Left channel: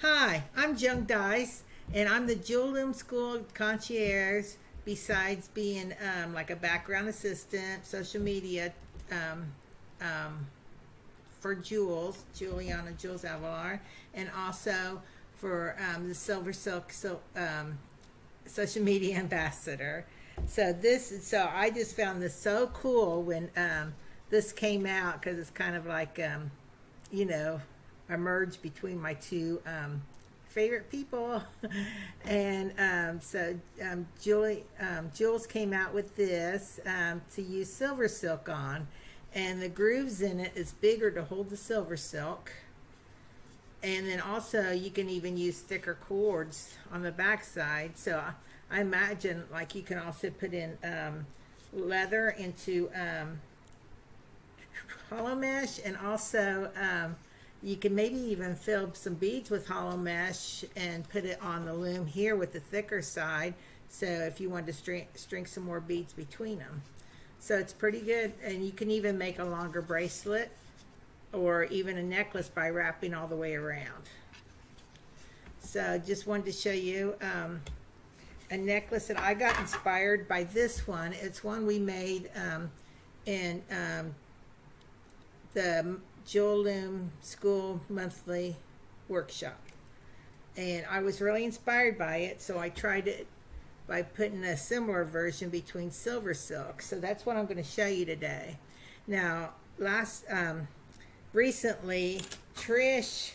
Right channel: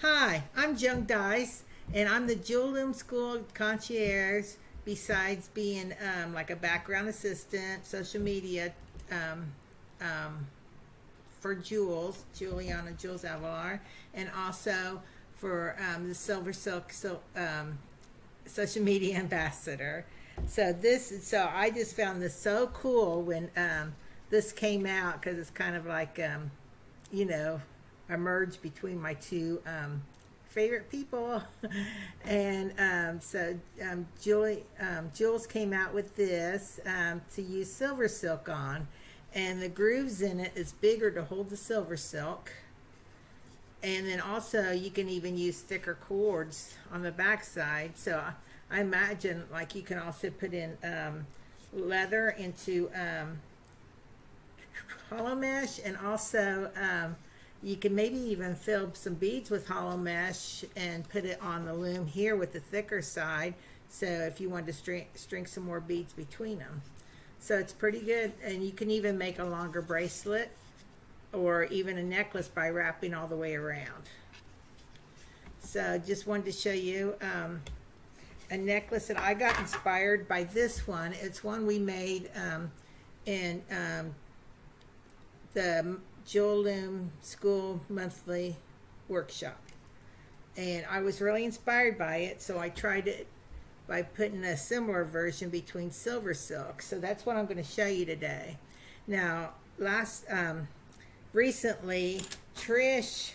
Hi, I'm Joan Dice, and I'm the Jewel Loom School concierge. Besides being like a background assistant, social media um, um, for Juliana Jules Avalar, and also for the SilverSilk social media ambassador. So I just found this so cool when this came out because it's kind of like you know, a merge between my two favorite people. And Jules came out with this to use silver silk on, and the grooves in it is bigger to hold the silver silk. And then also you can even use thicker cords on the back side. So I imagine like you can also put in leather into hollow mesh, and also you can maybe even fill some beads with hollow mesh and put it on the loom here with the thicker side, so if you want to string some more beads between them. So it's pretty good, and you can even make a longer bracelet or even a necklace by wrapping all the way around. So just wanted to show you a necklace that I got inspired by this one. It's one we made in the Jewel Loom School monthly workshop, and I was really inspired by it, so I tried it by putting a similar version between SilverSilk. So that's what I'm going to show you today. Now recently Trish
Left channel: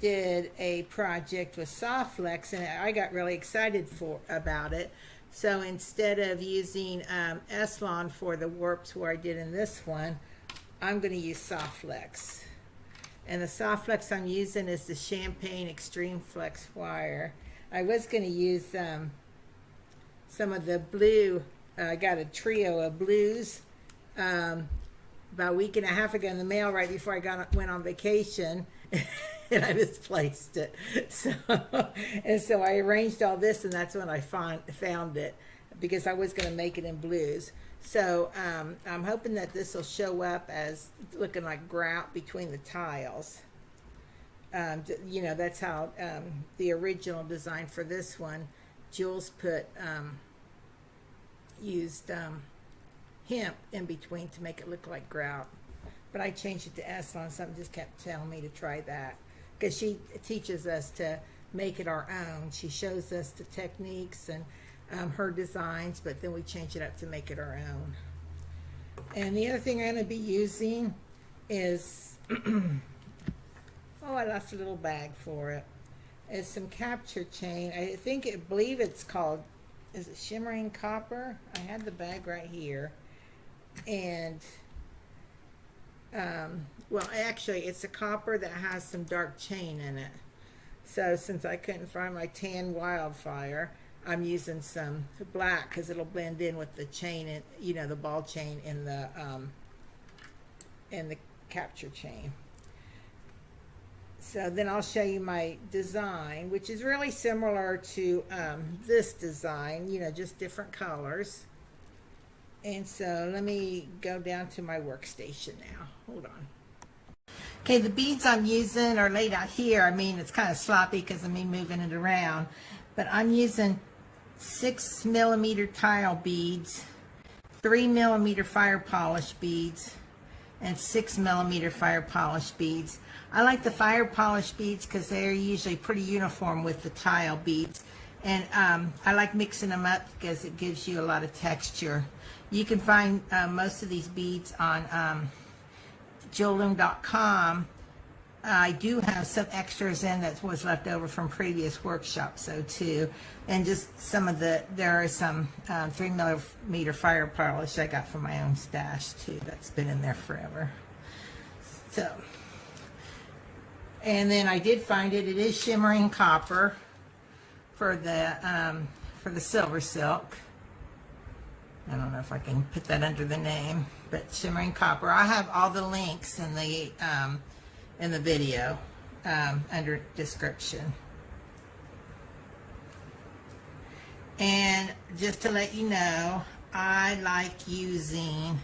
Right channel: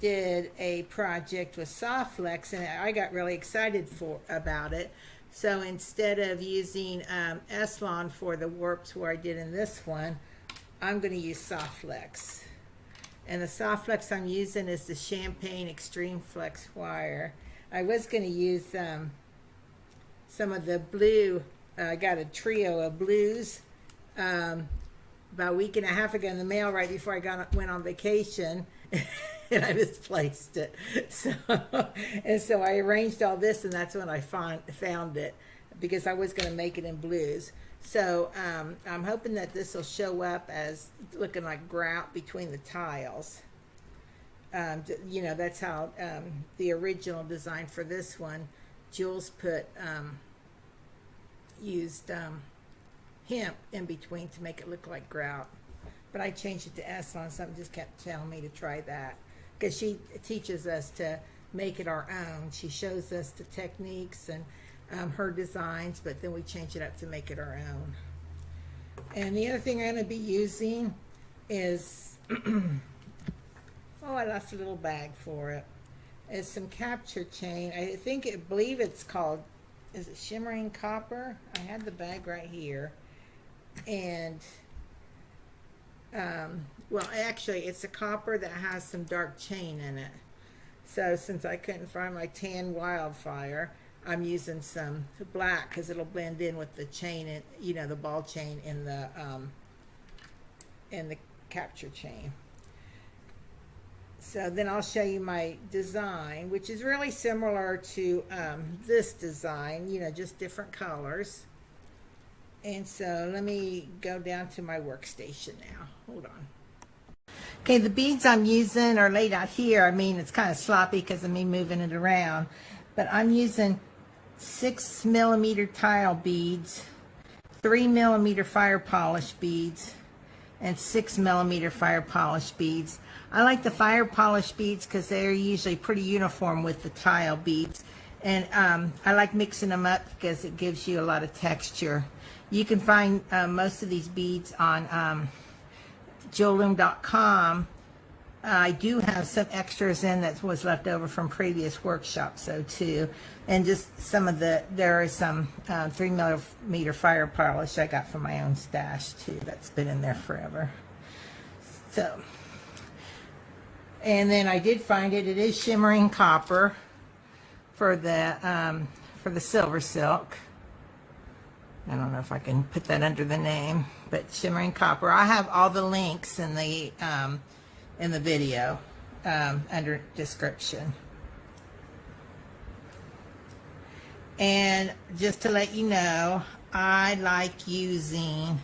did a project with Softflex, and I got really excited about it. So instead of using S-Lon for the warps where I did in this one, I'm going to use Softflex. And the Softflex I'm using is the Champagne Extreme Flex wire. I was going to use some of the blue. I got a trio of blues about a week and a half ago in the mail right before I went on vacation. And I misplaced it. So I arranged all this, and that's when I found it, because I was going to make it in blues. So I'm hoping that this will show up as looking like grout between the tiles. You know, that's how the original design for this one, Jules used hemp in between to make it look like grout. But I changed it to S-Lon. Something just kept telling me to try that, because she teaches us to make it our own. She shows us the techniques and her designs, but then we change it up to make it our own. And the other thing I'm going to be using is oh, I lost a little bag for it. It's some capture chain. I believe it's called, is it shimmering copper? I had the bag right here, and well, actually it's a copper that has some dark chain in it. So since I couldn't find my tan Wildfire, I'm using some black because it'll blend in with the chain, and you know, the ball chain in the capture chain. So then I'll show you my design, which is really similar to this design, you know, just different colors. And so let me go down to my workstation now. Hold on. Okay, the beads I'm using are laid out here. I mean, it's kind of sloppy because of me moving it around, but I'm using 6mm tile beads, 3mm fire polish beads, and 6mm fire polish beads. I like the fire polish beads because they're usually pretty uniform with the tile beads, and I like mixing them up because it gives you a lot of texture. You can find most of these beads on jewelloom.com. I do have some extras in that was left over from previous workshops, so too, and just some of there is some 3mm fire polish I got from my own stash too. That's been in there forever. So, and then I did find it. It is shimmering copper for the SilverSilk. I don't know if I can put that under the name, but shimmering copper. I have all the links in the video under description. And just to let you know, I like using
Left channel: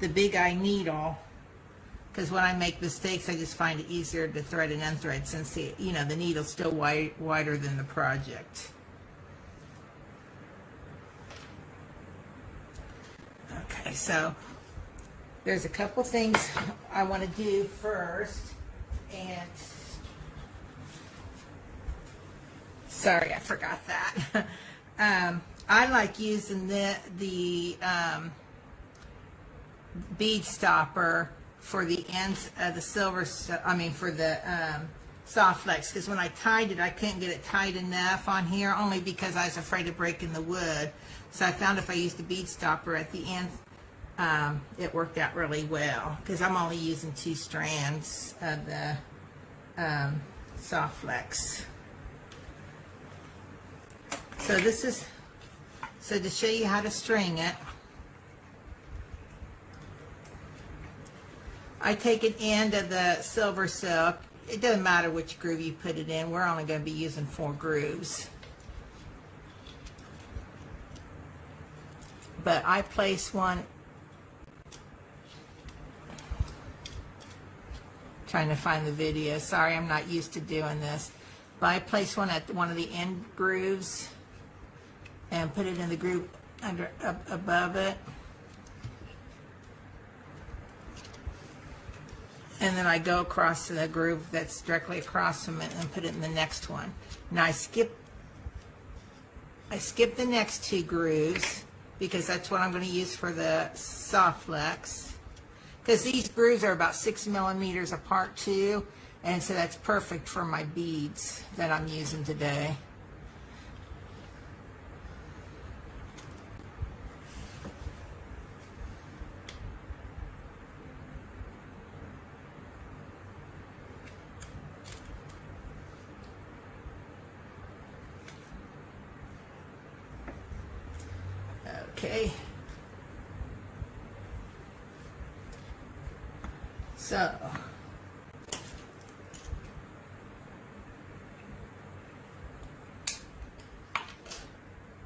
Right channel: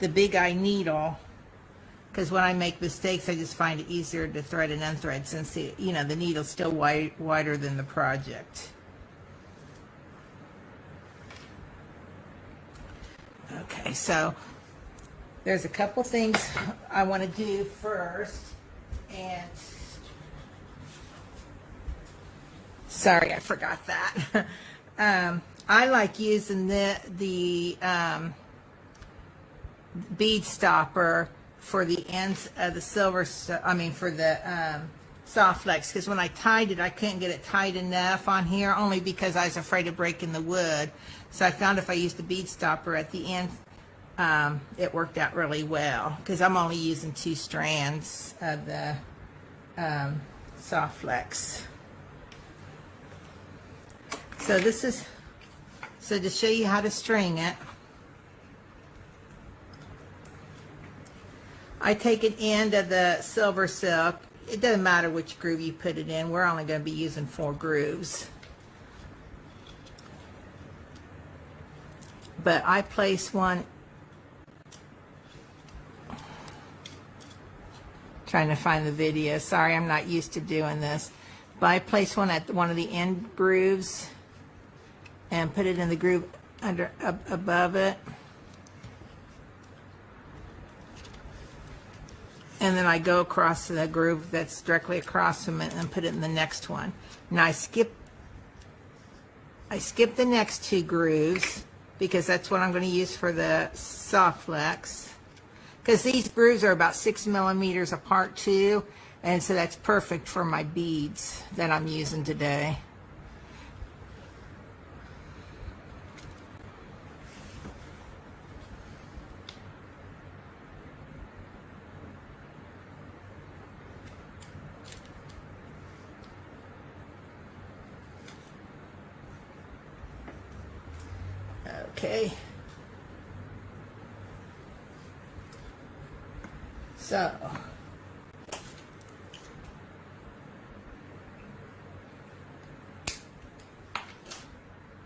the Big Eye needle because when I make mistakes, I just find it easier to thread and unthread since the needle's still wider than the project. Okay, so there's a couple things I want to do first, and sorry, I forgot that. I like using the bead stopper for the ends of the for the soft flex, because when I tied it, I couldn't get it tight enough on here, only because I was afraid of breaking the wood. So I found if I used the bead stopper at the end, it worked out really well, because I'm only using 2 strands of the soft flex. So to show you how to string it, I take an end of the SilverSilk. It doesn't matter which groove you put it in. We're only going to be using 4 grooves. But I place one, trying to find the video. Sorry, I'm not used to doing this. But I place one at one of the end grooves and put it in the groove above it. And then I go across to that groove that's directly across from it and put it in the next one. Now I skip the next 2 grooves because that's what I'm going to use for the soft flex. Because these grooves are about 6 millimeters apart too, and so that's perfect for my beads that I'm using today. Okay, so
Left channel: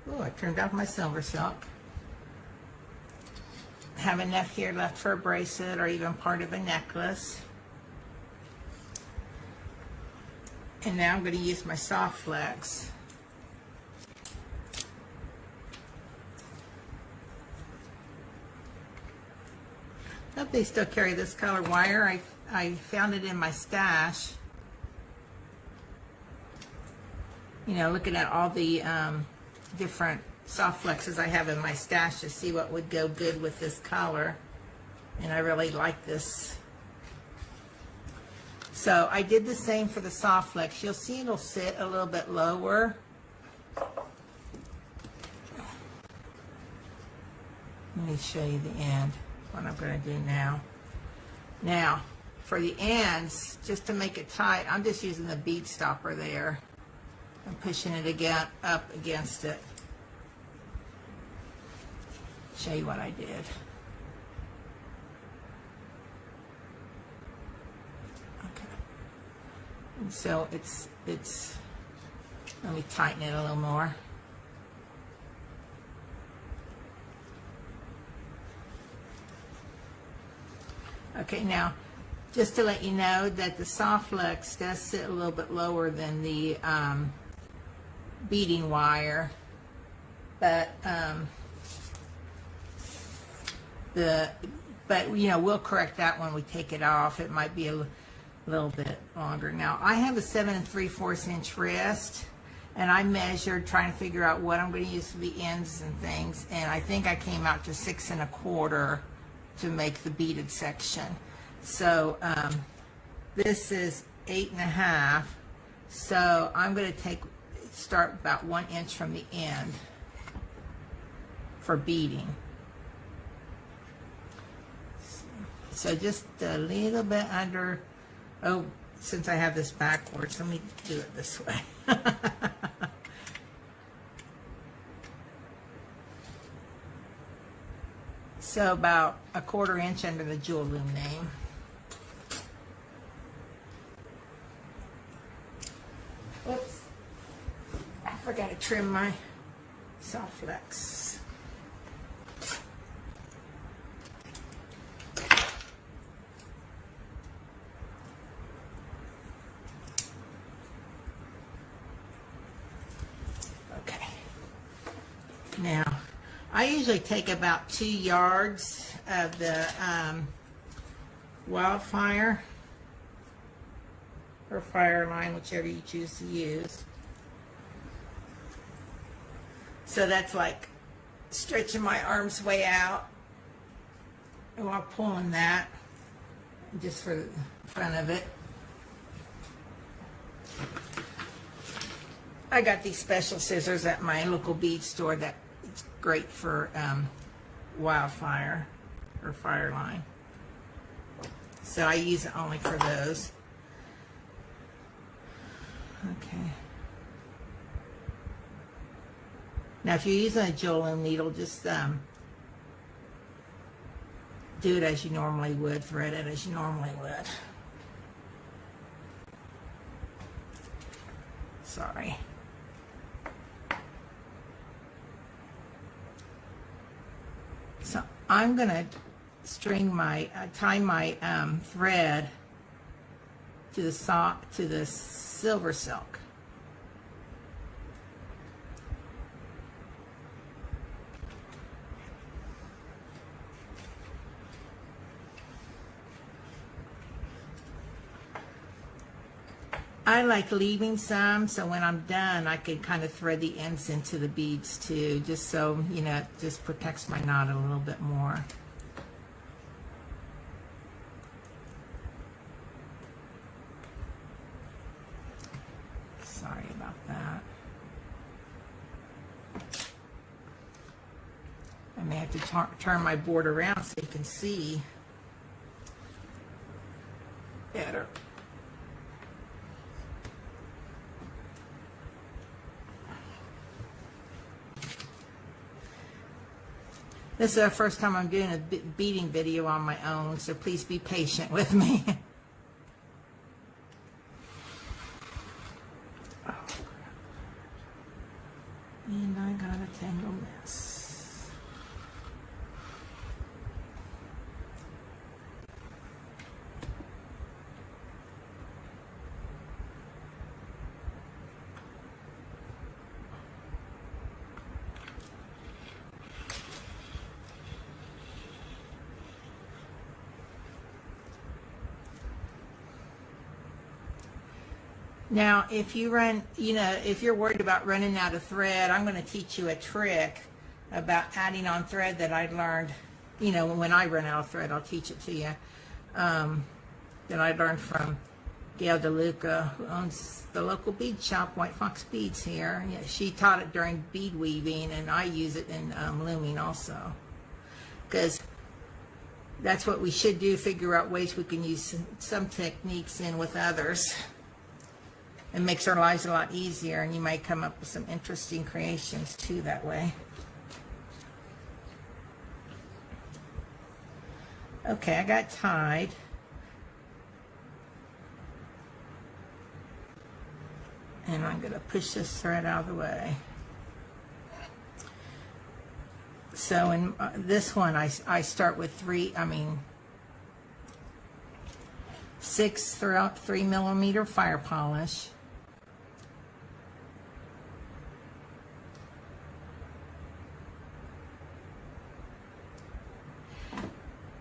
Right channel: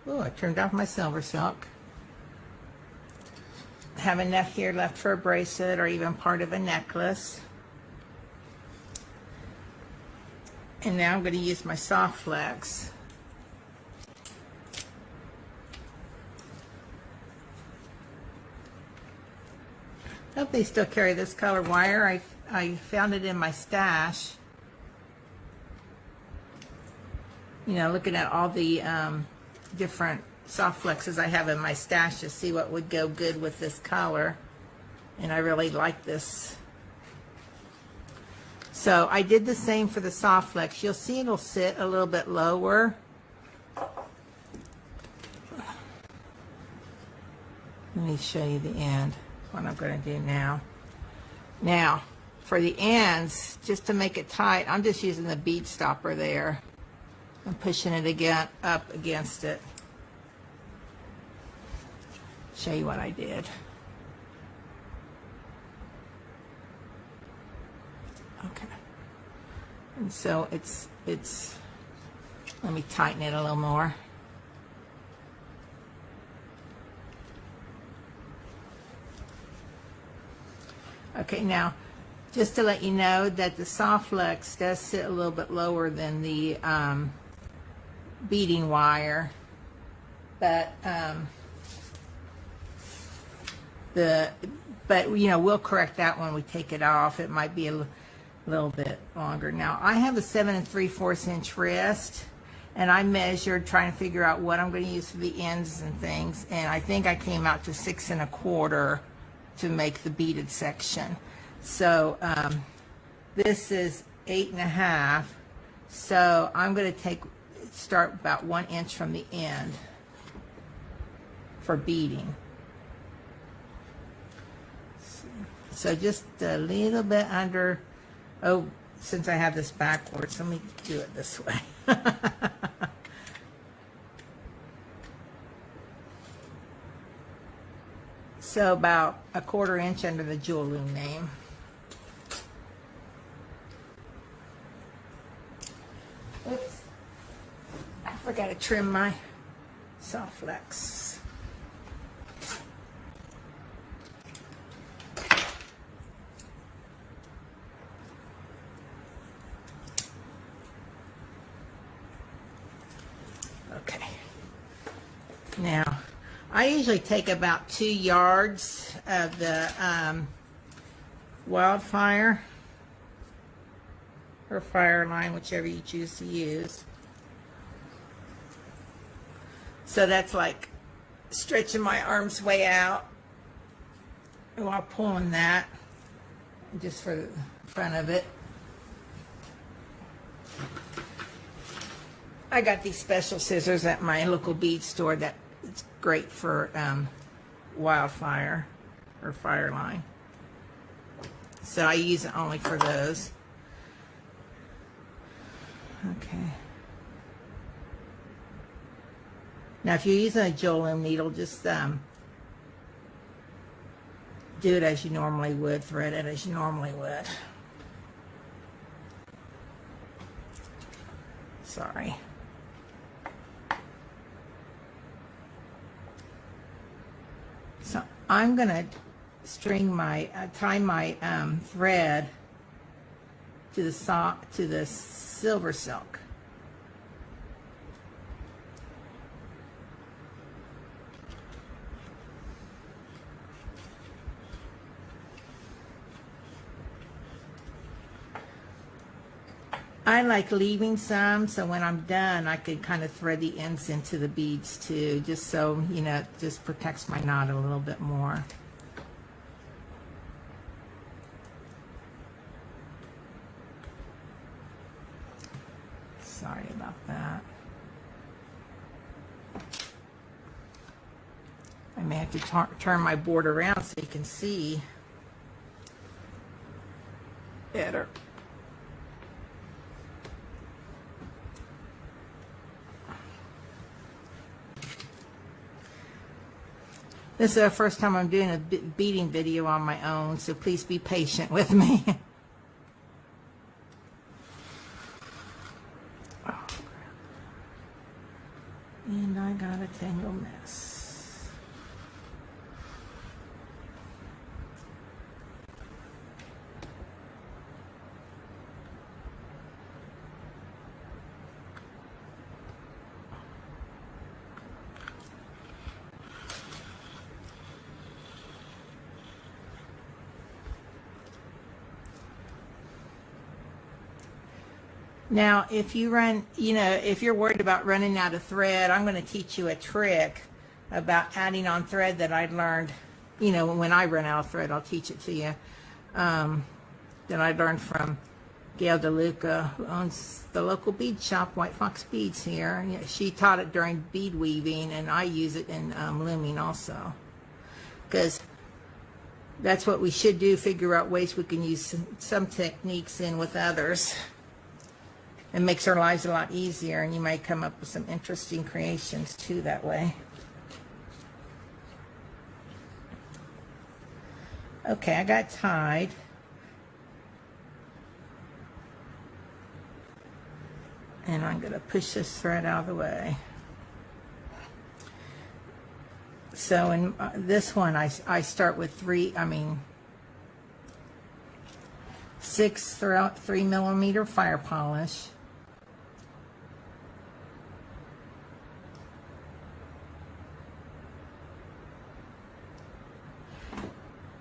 I turned off my SilverSilk. Have enough here left for a bracelet or even part of a necklace. And now I'm going to use my soft flex. I hope they still carry this color wire. I found it in my stash. You know, looking at all the different soft flexes I have in my stash to see what would go good with this color. And I really like this. So I did the same for the soft flex. You'll see it'll sit a little bit lower. Let me show you the end. What I'm going to do now. Now, for the ends, just to make it tight, I'm just using the bead stopper there and pushing it again up against it. Show you what I did. Okay. And so it's let me tighten it a little more. Okay, now, just to let you know that the soft flex does sit a little bit lower than the beading wire, but you know, we'll correct that when we take it off. It might be a little bit longer. Now, I have a 7 3/4 inch wrist, and I measured trying to figure out what I'm going to use for the ends and things, and I think I came out to 6 1/4 to make the beaded section. So this is 8 1/2. So I'm going to start about 1 inch from the end for beading. So just a little bit under. Oh, since I have this backwards, let me do it this way. So about 1/4 inch under the jewel loom name. Oops, I forgot to trim my soft flex. Now, I usually take about 2 yards of the Wildfire or fire line, whichever you choose to use. So that's like stretching my arms way out while pulling that, just for the front of it. I got these special scissors at my local bead store that it's great for Wildfire or fire line. So I use it only for those. Okay. Now if you're using a Joan needle, just do it as you normally would, thread it as you normally would. Sorry. So I'm going to string my, tie my thread to the SilverSilk. I like leaving some, so when I'm done, I can kind of thread the ends into the beads too, just so, you know, it just protects my knot a little bit more. Sorry about that. I may have to turn my board around so you can see better. This is the first time I'm doing a beading video on my own, so please be patient with me. And I got a tangle mess. Now, if you run, you know, if you're worried about running out of thread, I'm going to teach you a trick about adding on thread that I learned, you know, when I run out of thread, I'll teach it to you, that I learned from Gail DeLuca, who owns the local bead shop, White Fox Beads here. And she taught it during bead weaving, and I use it in looming also. Because that's what we should do, figure out ways we can use some techniques in with others. It makes our lives a lot easier, and you might come up with some interesting creations too that way. Okay, I got tied. And I'm going to push this thread out of the way. So in this one, I start with 6 3mm fire polish.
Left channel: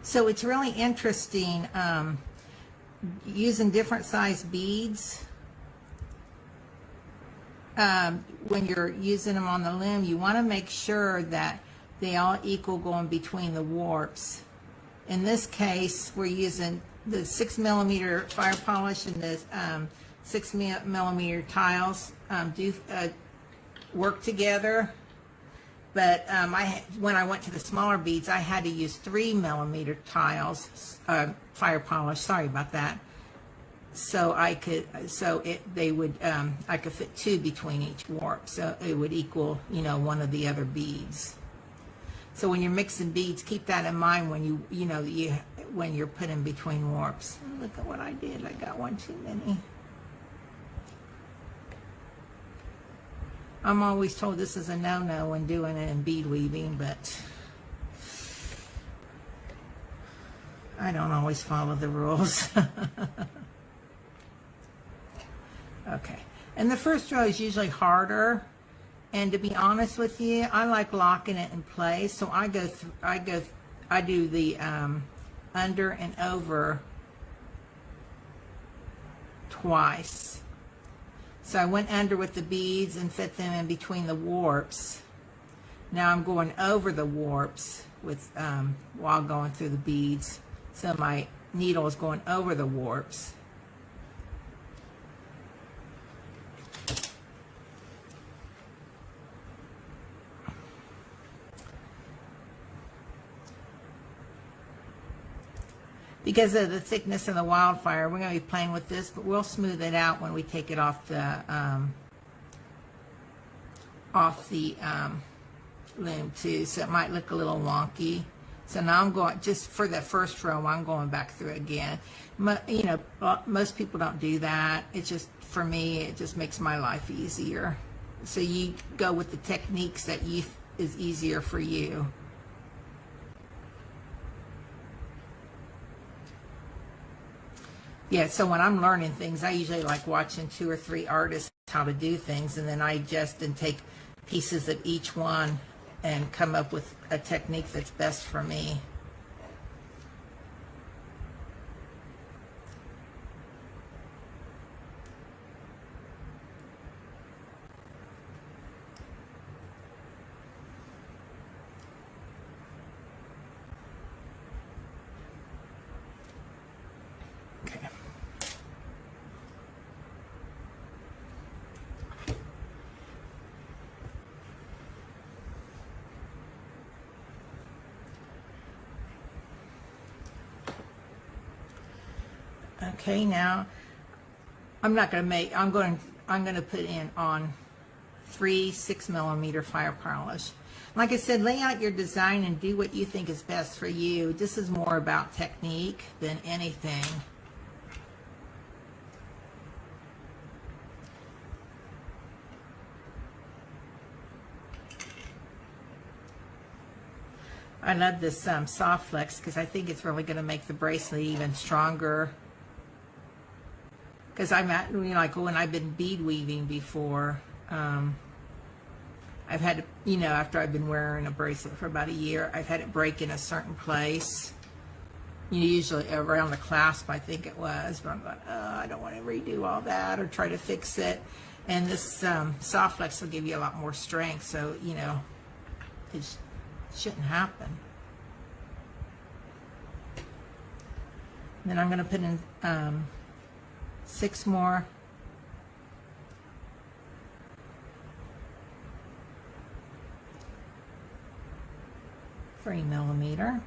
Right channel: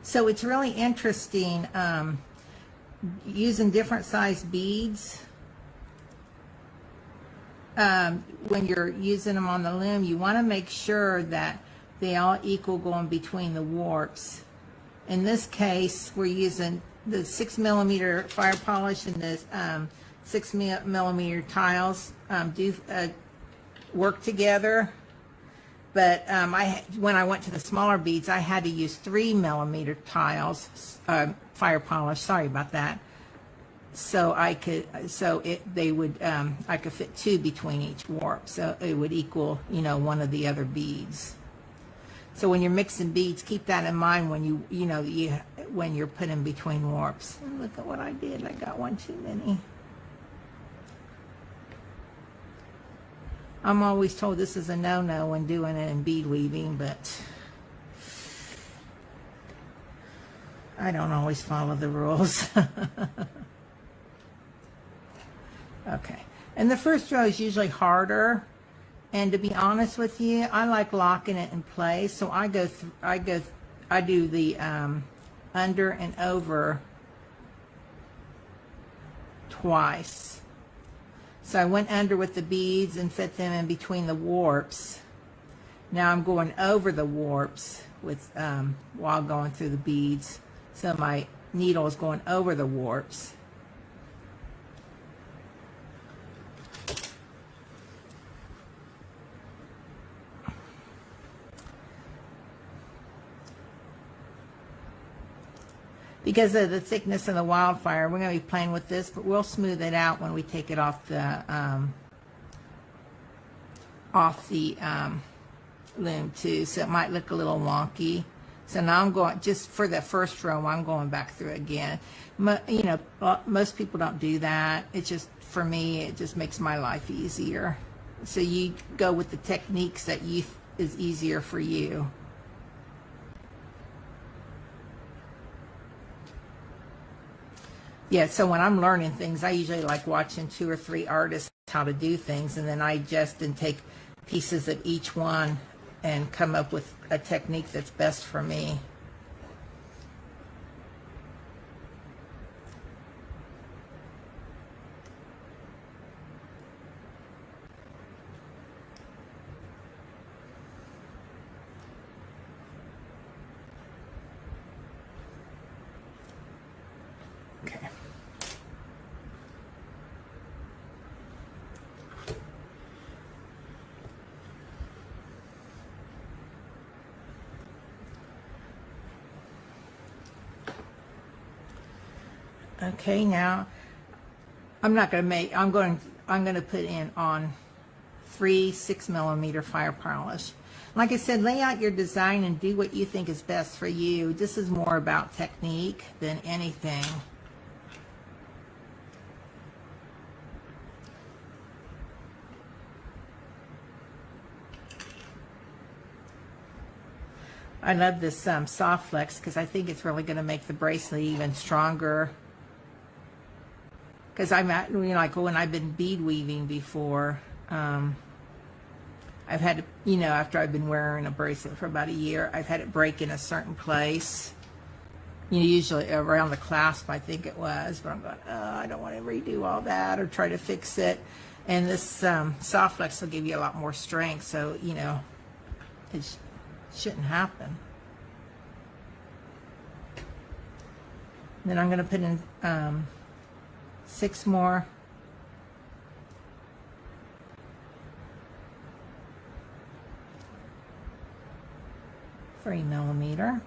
So it's really interesting using different size beads. When you're using them on the loom, you want to make sure that they all equal going between the warps. In this case, we're using the 6mm fire polish and the 6mm tiles do work together. But when I went to the smaller beads, I had to use 3mm tiles, fire polish. Sorry about that. So I could, I could fit 2 between each warp, so it would equal, you know, one of the other beads. So when you're mixing beads, keep that in mind when when you're putting between warps. And look at what I did. I got one too many. I'm always told this is a no-no when doing it in bead weaving, but I don't always follow the rules. Okay, and the first row is usually harder And to be honest with you, I like locking it in place. So I do the under and over twice. So I went under with the beads and set them in between the warps. Now I'm going over the warps with while going through the beads. So my needle is going over the warps. Because of the thickness of the Wildfire, we're going to be playing with this, but we'll smooth it out when we take it off the loom too, so it might look a little wonky. So now I'm going, just for the first row, I'm going back through again. You know, most people don't do that. It's just, for me, it just makes my life easier. So you go with the techniques that is easier for you. Yeah, so when I'm learning things, I usually like watching 2 or 3 artists how to do things, and then I just take pieces of each one and come up with a technique that's best for me. Okay. Okay, now I'm not going to make, I'm going to put in on 3 6mm fire polish. Like I said, lay out your design and do what you think is best for you. This is more about technique than anything. I love this soft flex because I think it's really going to make the bracelet even stronger. Because I'm at, you know, like when I've been bead weaving before, I've had, you know, after I've been wearing a bracelet for about a year, I've had it break in a certain place. You know, usually around the clasp, I think it was. But I'm like, oh, I don't want to redo all that or try to fix it. And this soft flex will give you a lot more strength. So, you know, it shouldn't happen. Then I'm going to put in 6 more. $3mm.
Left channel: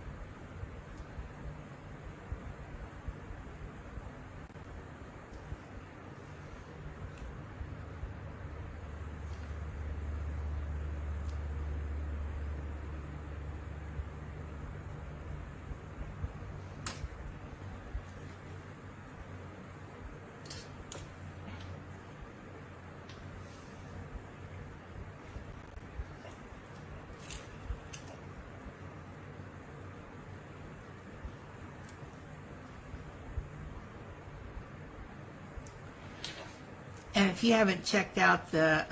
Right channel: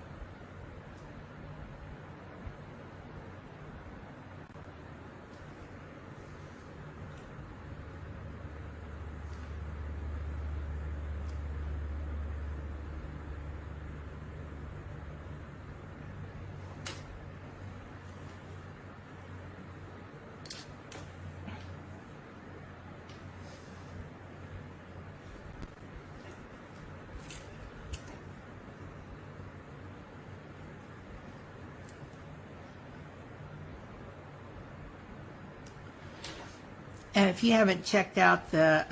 And if you haven't checked out the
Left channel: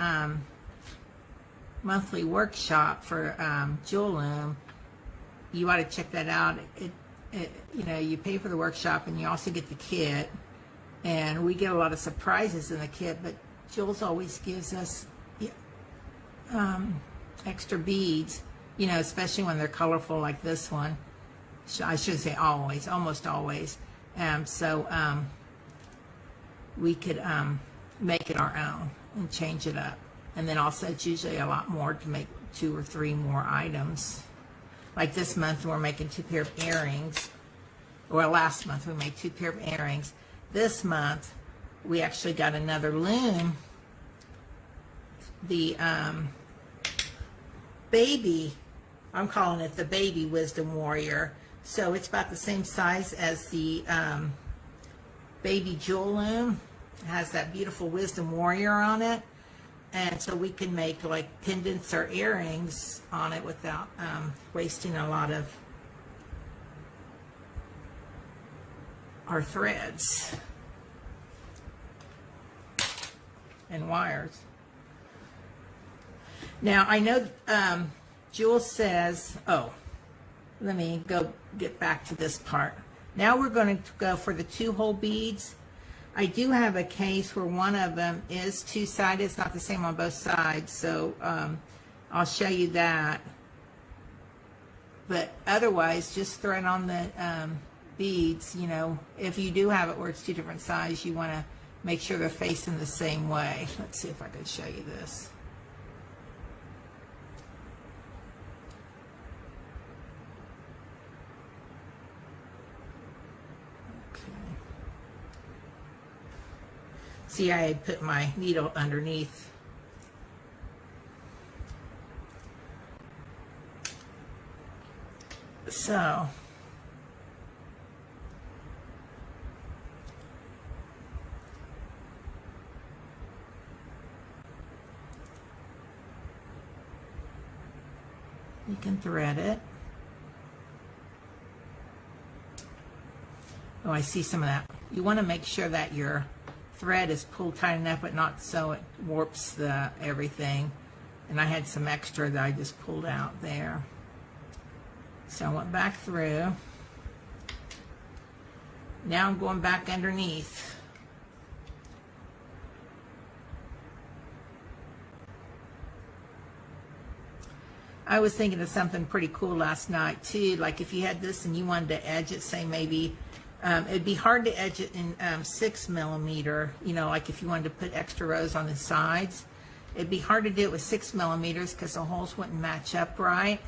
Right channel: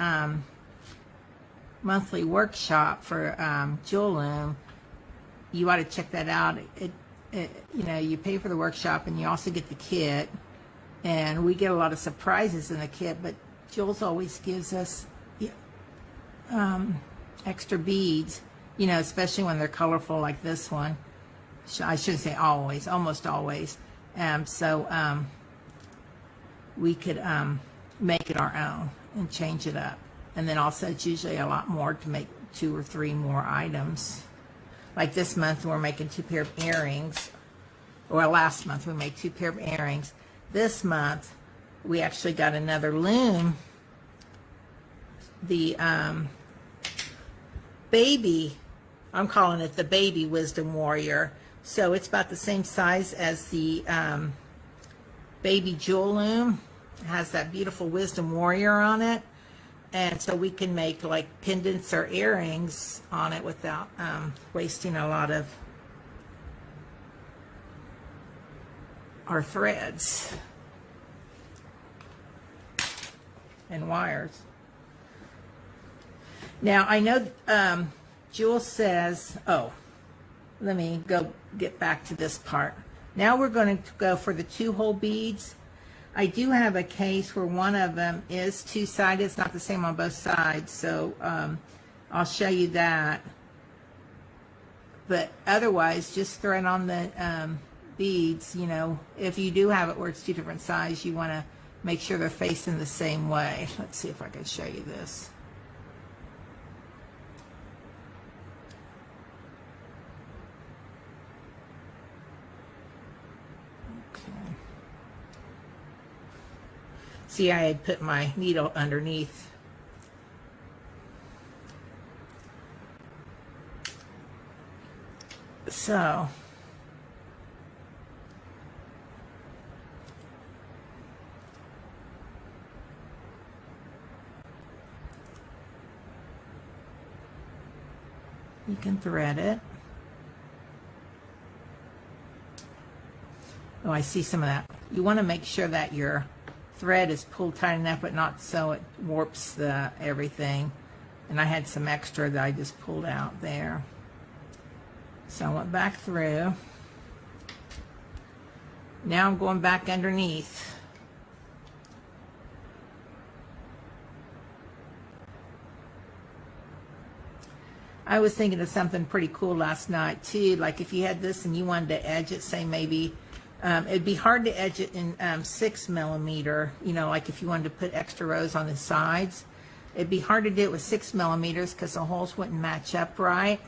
monthly workshop for Jewel Loom, you ought to check that out. You know, you pay for the workshop and you also get the kit. And we get a lot of surprises in the kit, but Jules always gives us extra beads, you know, especially when they're colorful like this one. I shouldn't say always, almost always. So we could make it our own and change it up. And then also it's usually a lot more to make 2 or 3 more items. Like this month we're making 2 pair of earrings, or last month we made 2 pair of earrings. This month we actually got another loom, the baby, I'm calling it the baby Wisdom Warrior. So it's about the same size as the baby Jewel Loom. It has that beautiful Wisdom Warrior on it, and so we can make like pendants or earrings on it without wasting a lot of our threads and wires. Now, I know Jewel says, oh, let me go get back to this part. Now we're going to go for the 2-hole beads. I do have a case where one of them is 2-sided. It's not the same on both sides, so I'll show you that. But otherwise, just thread on the beads. You know, if you do have it where it's 2 different sizes, you want to make sure they're facing the same way. Let's see if I can show you this. Okay. See, I had put my needle underneath. So, you can thread it. Oh, I see some of that. You want to make sure that your thread is pulled tight enough, but not so it warps the everything. And I had some extra that I just pulled out there. So I went back through. Now I'm going back underneath. I was thinking of something pretty cool last night too. Like if you had this and you wanted to edge it, say maybe, it'd be hard to edge it in 6mm. You know, like if you wanted to put extra rows on the sides, it'd be hard to do it with 6mm because the holes wouldn't match up right.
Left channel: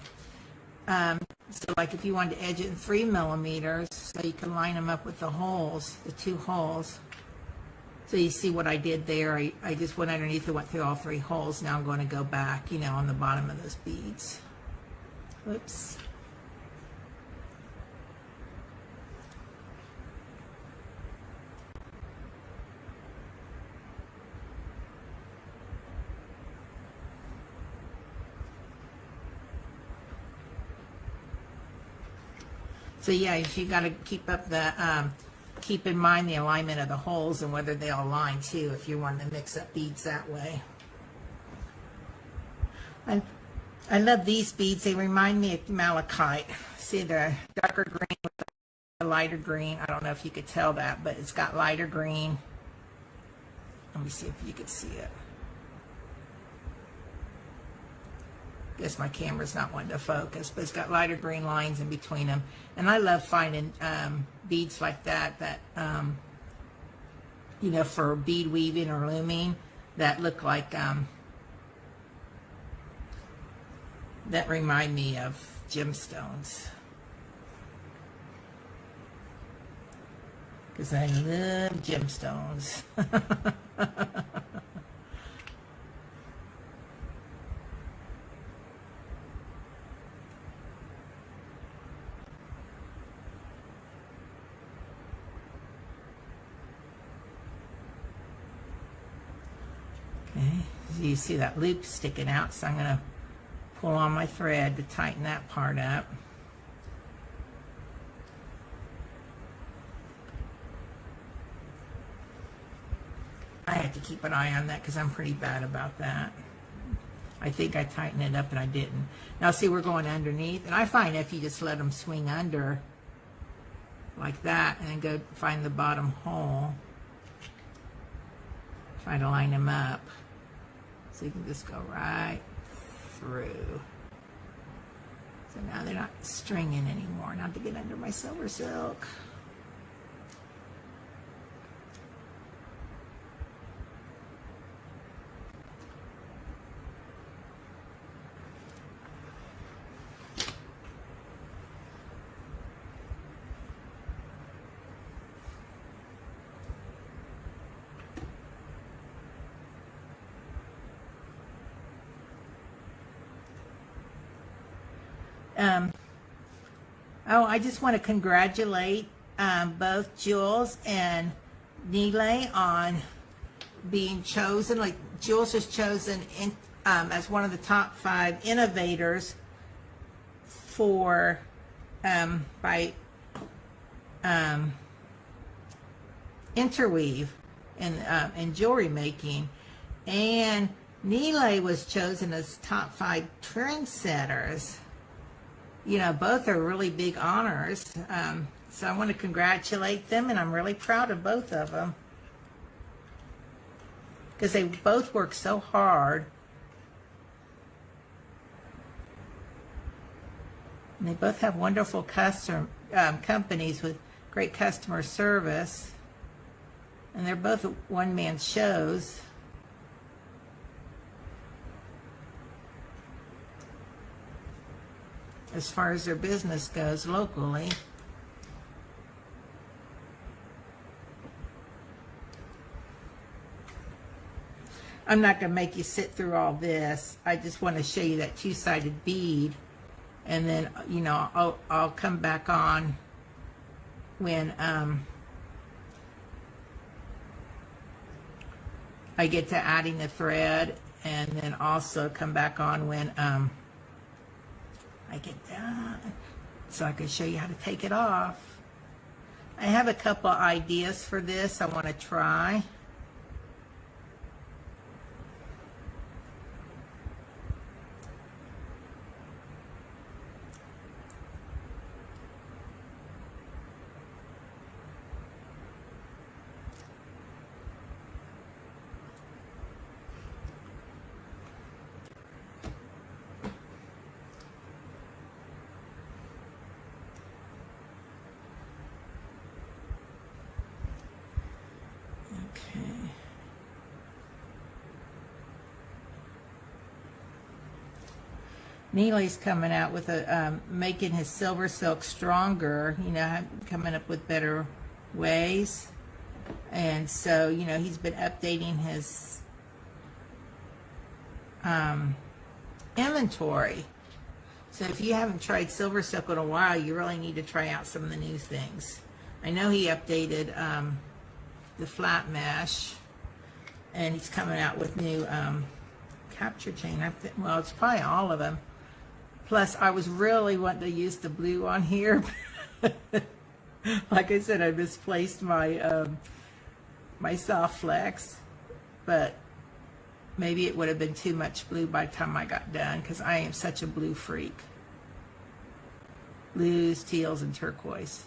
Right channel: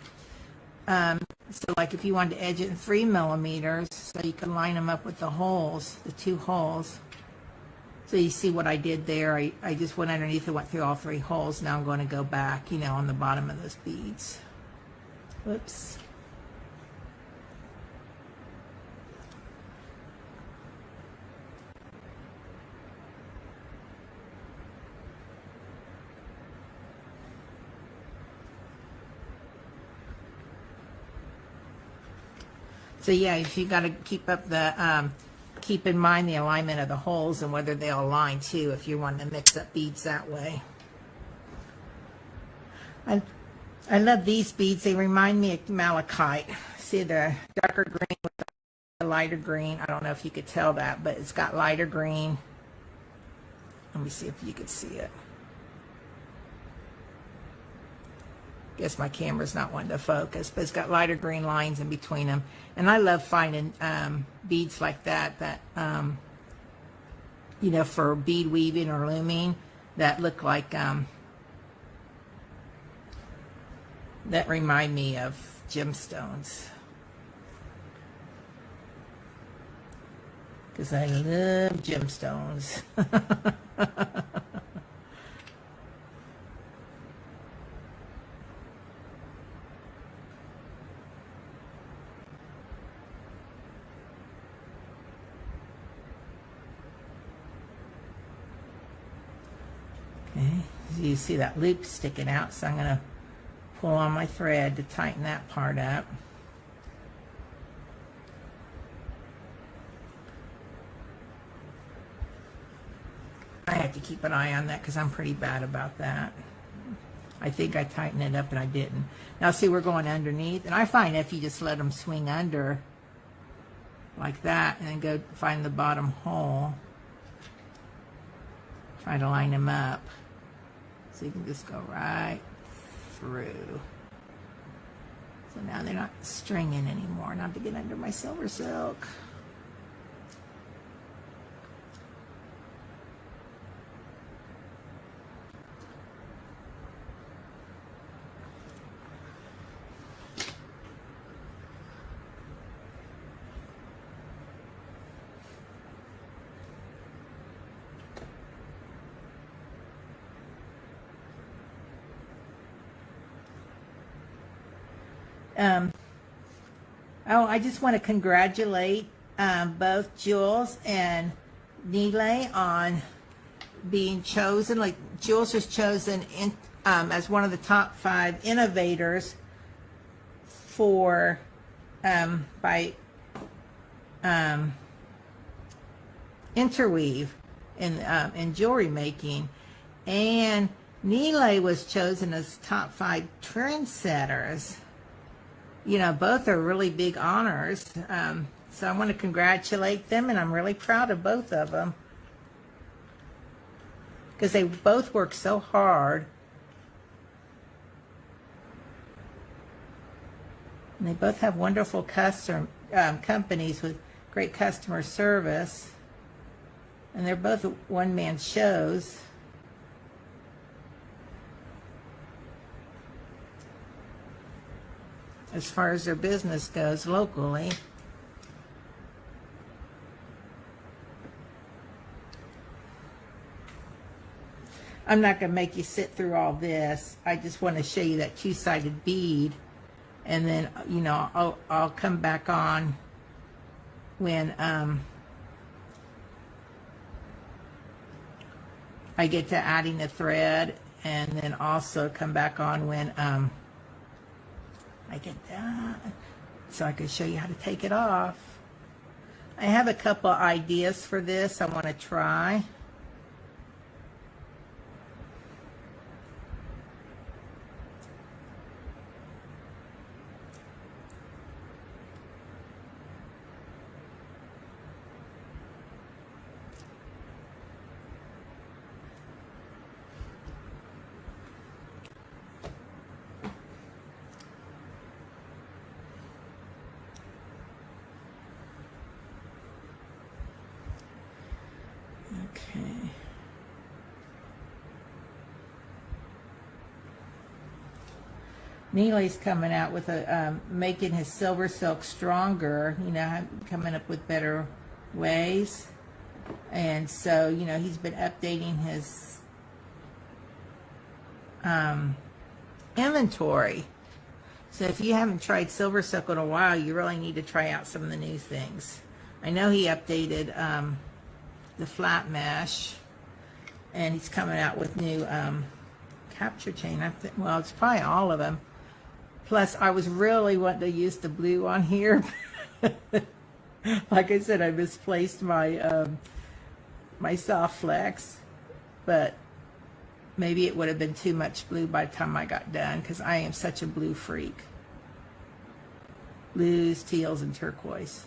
So like if you wanted to edge it in 3mm, so you can line them up with the holes, the 2 holes. So you see what I did there. I just went underneath and went through all 3 holes. Now I'm going to go back, you know, on the bottom of those beads. Whoops. So yeah, you got to keep up the, keep in mind the alignment of the holes and whether they'll align too if you want to mix up beads that way. And I love these beads. They remind me of malachite. See the darker green with the lighter green. I don't know if you could tell that, but it's got lighter green. Let me see if you could see it. Guess my camera's not wanting to focus, but it's got lighter green lines in between them. And I love finding beads like that, you know, for bead weaving or looming, that look like, that remind me of gemstones. Because I love gemstones. You see that loop sticking out, so I'm going to pull on my thread to tighten that part up. I have to keep an eye on that because I'm pretty bad about that. I think I tightened it up and I didn't. Now see, we're going underneath, and I find if you just let them swing under like that and then go find the bottom hole, try to line them up. So you can just go right through. So now they're not stringing anymore. Not to get under my SilverSilk. Oh, I just want to congratulate both Jules and Nile on being chosen. Like Jules was chosen in, as one of the top 5 innovators for by interweave in jewelry making, and Neeley was chosen as top 5 trendsetters. You know, both are really big honors. So I want to congratulate them, and I'm really proud of both of them because they both work so hard. And they both have wonderful companies with great customer service. And they're both one-man shows. As far as their business goes locally. I'm not going to make you sit through all this. I just want to show you that two-sided bead. And then, you know, I'll come back on when I get to adding the thread, and then also come back on when I get done, so I can show you how to take it off. I have a couple ideas for this I want to try. Okay. Neely's coming out with a making his SilverSilk stronger, you know, coming up with better ways. And so, you know, he's been updating his inventory. So if you haven't tried SilverSilk in a while, you really need to try out some of the new things. I know he updated the flat mesh, and he's coming out with new capture chain. Well, it's probably all of them. Plus, I was really wanting to use the blue on here. Like I said, I misplaced my my soft flex, but maybe it would have been too much blue by the time I got done, because I am such a blue freak. Blues, teals, and turquoise.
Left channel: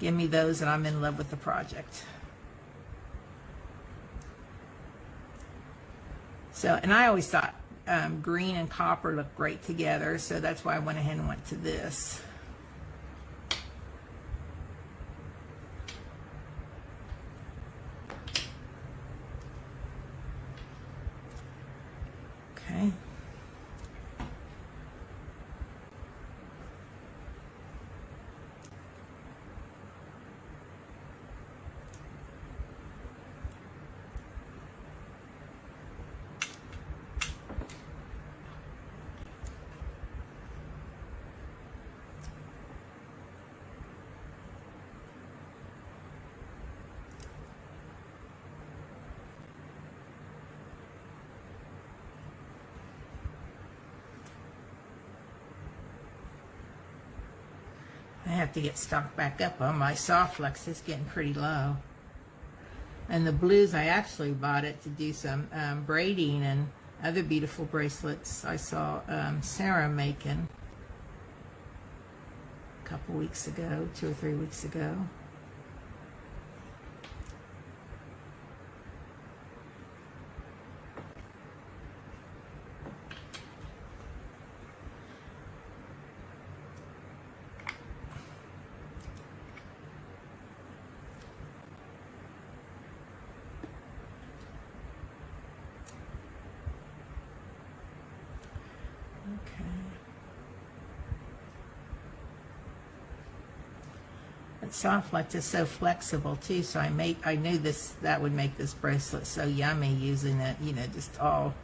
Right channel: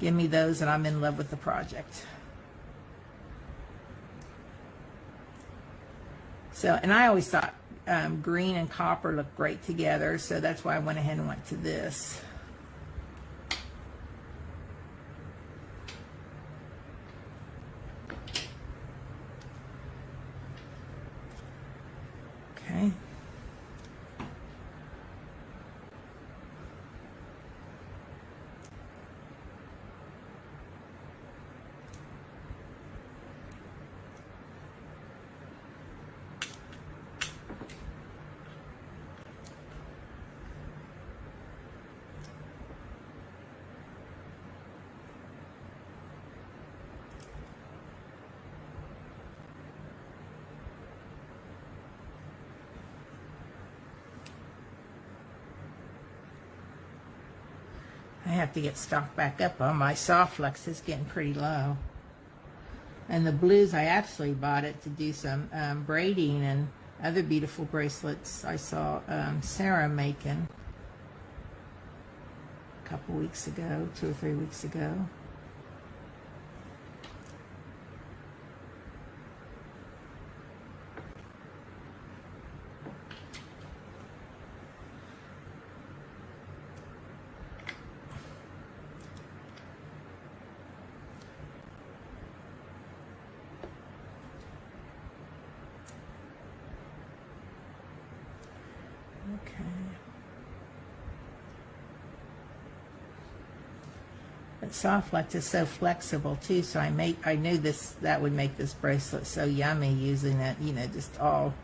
Give me those and I'm in love with the project. So, and I always thought green and copper look great together, so that's why I went ahead and went to this. Okay. I have to get stocked back up on my soft flex. It's getting pretty low. And the blues, I actually bought it to do some braiding and other beautiful bracelets I saw Sarah making a couple weeks ago, 2 or 3 weeks ago. But soft flex is so flexible too, so I knew that would make this bracelet so yummy, using it, you know, just all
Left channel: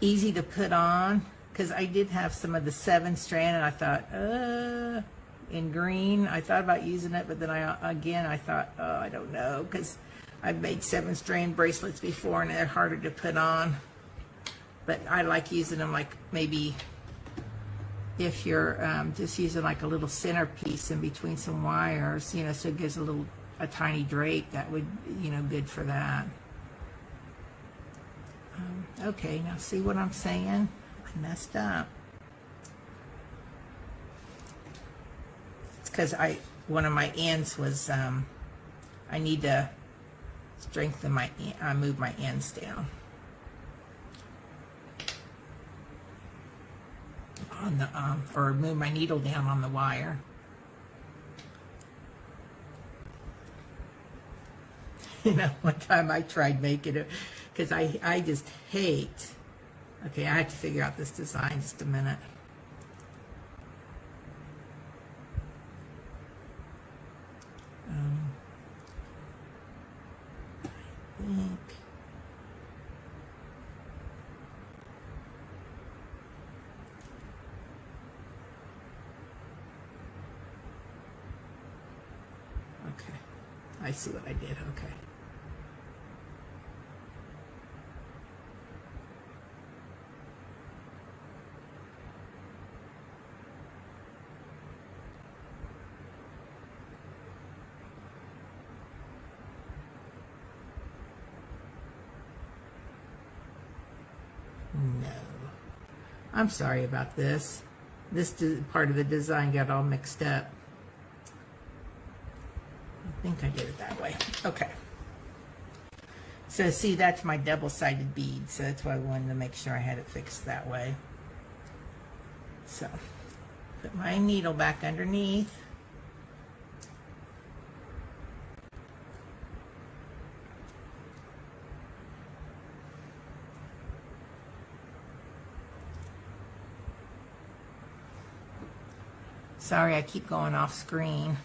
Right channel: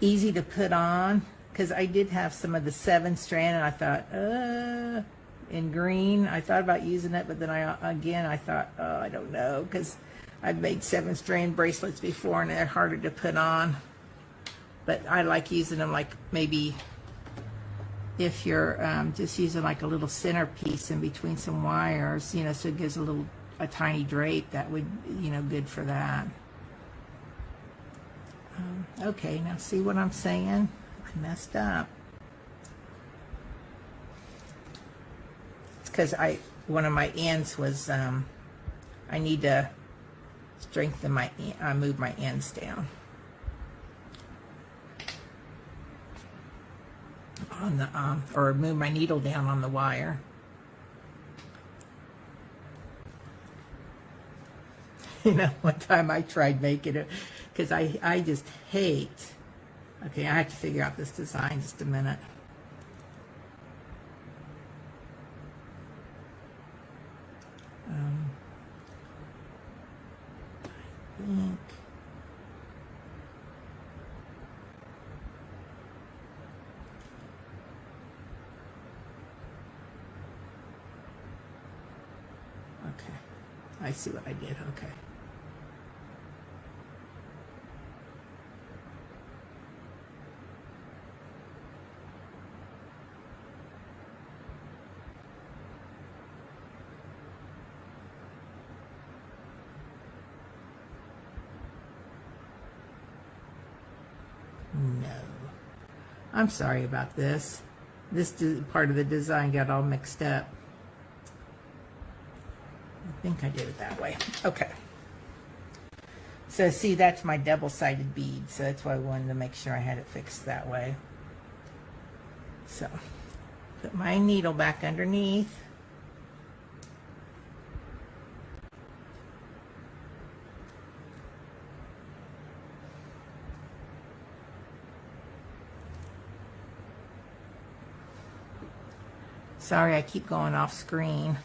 easy to put on. Because I did have some of the 7-strand, and I thought, in green, I thought about using it, but then I thought, oh, I don't know, because I've made 7-strand bracelets before and they're harder to put on. But I like using them, like maybe if you're just using like a little centerpiece in between some wires, you know, so it gives a tiny drape, that would, you know, good for that. Okay, now see what I'm saying? I messed up. It's because one of my ends was, I need to strengthen my, move my ends down. On the, or move my needle down on the wire. You know, one time I tried making it, because I just hate, okay, I have to figure out this design just a minute. I think, okay, I see what I did, okay. No, I'm sorry about this. This part of the design got all mixed up. I think I did it that way. Okay. So see, that's my double-sided bead, so that's why I wanted to make sure I had it fixed that way. So, put my needle back underneath. Sorry, I keep going off screen.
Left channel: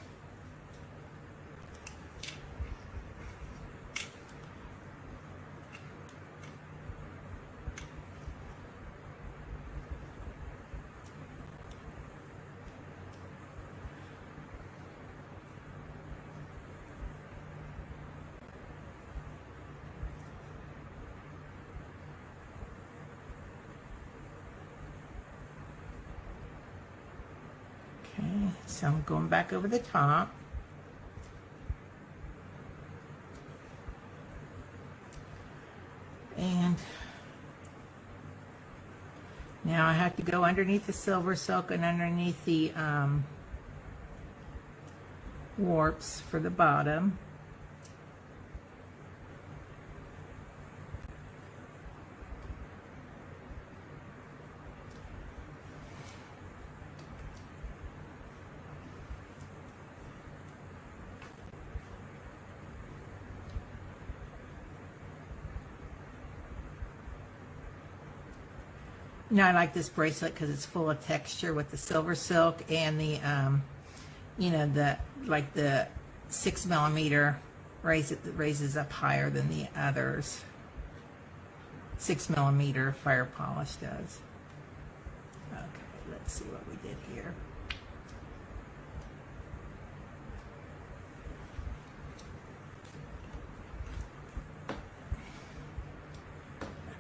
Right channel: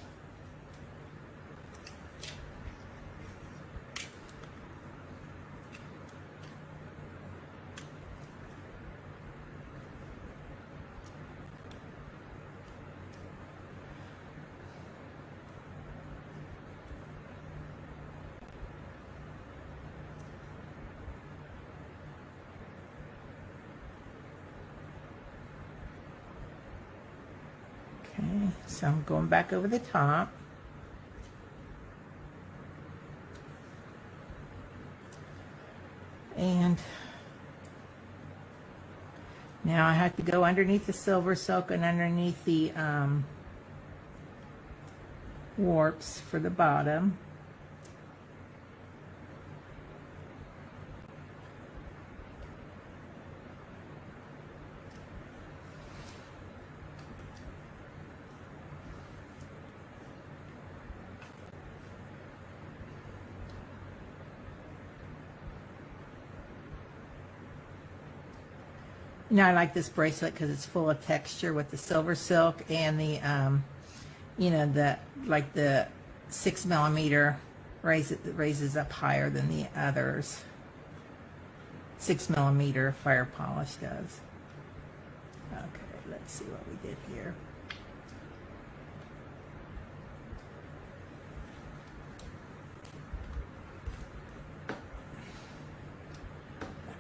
Okay, so I'm going back over the top. And now I have to go underneath the SilverSilk and underneath the warps for the bottom. Now I like this bracelet because it's full of texture with the SilverSilk and the, you know, the 6mm raises up higher than the others. 6mm fire polish does. Okay, let's see what we did here.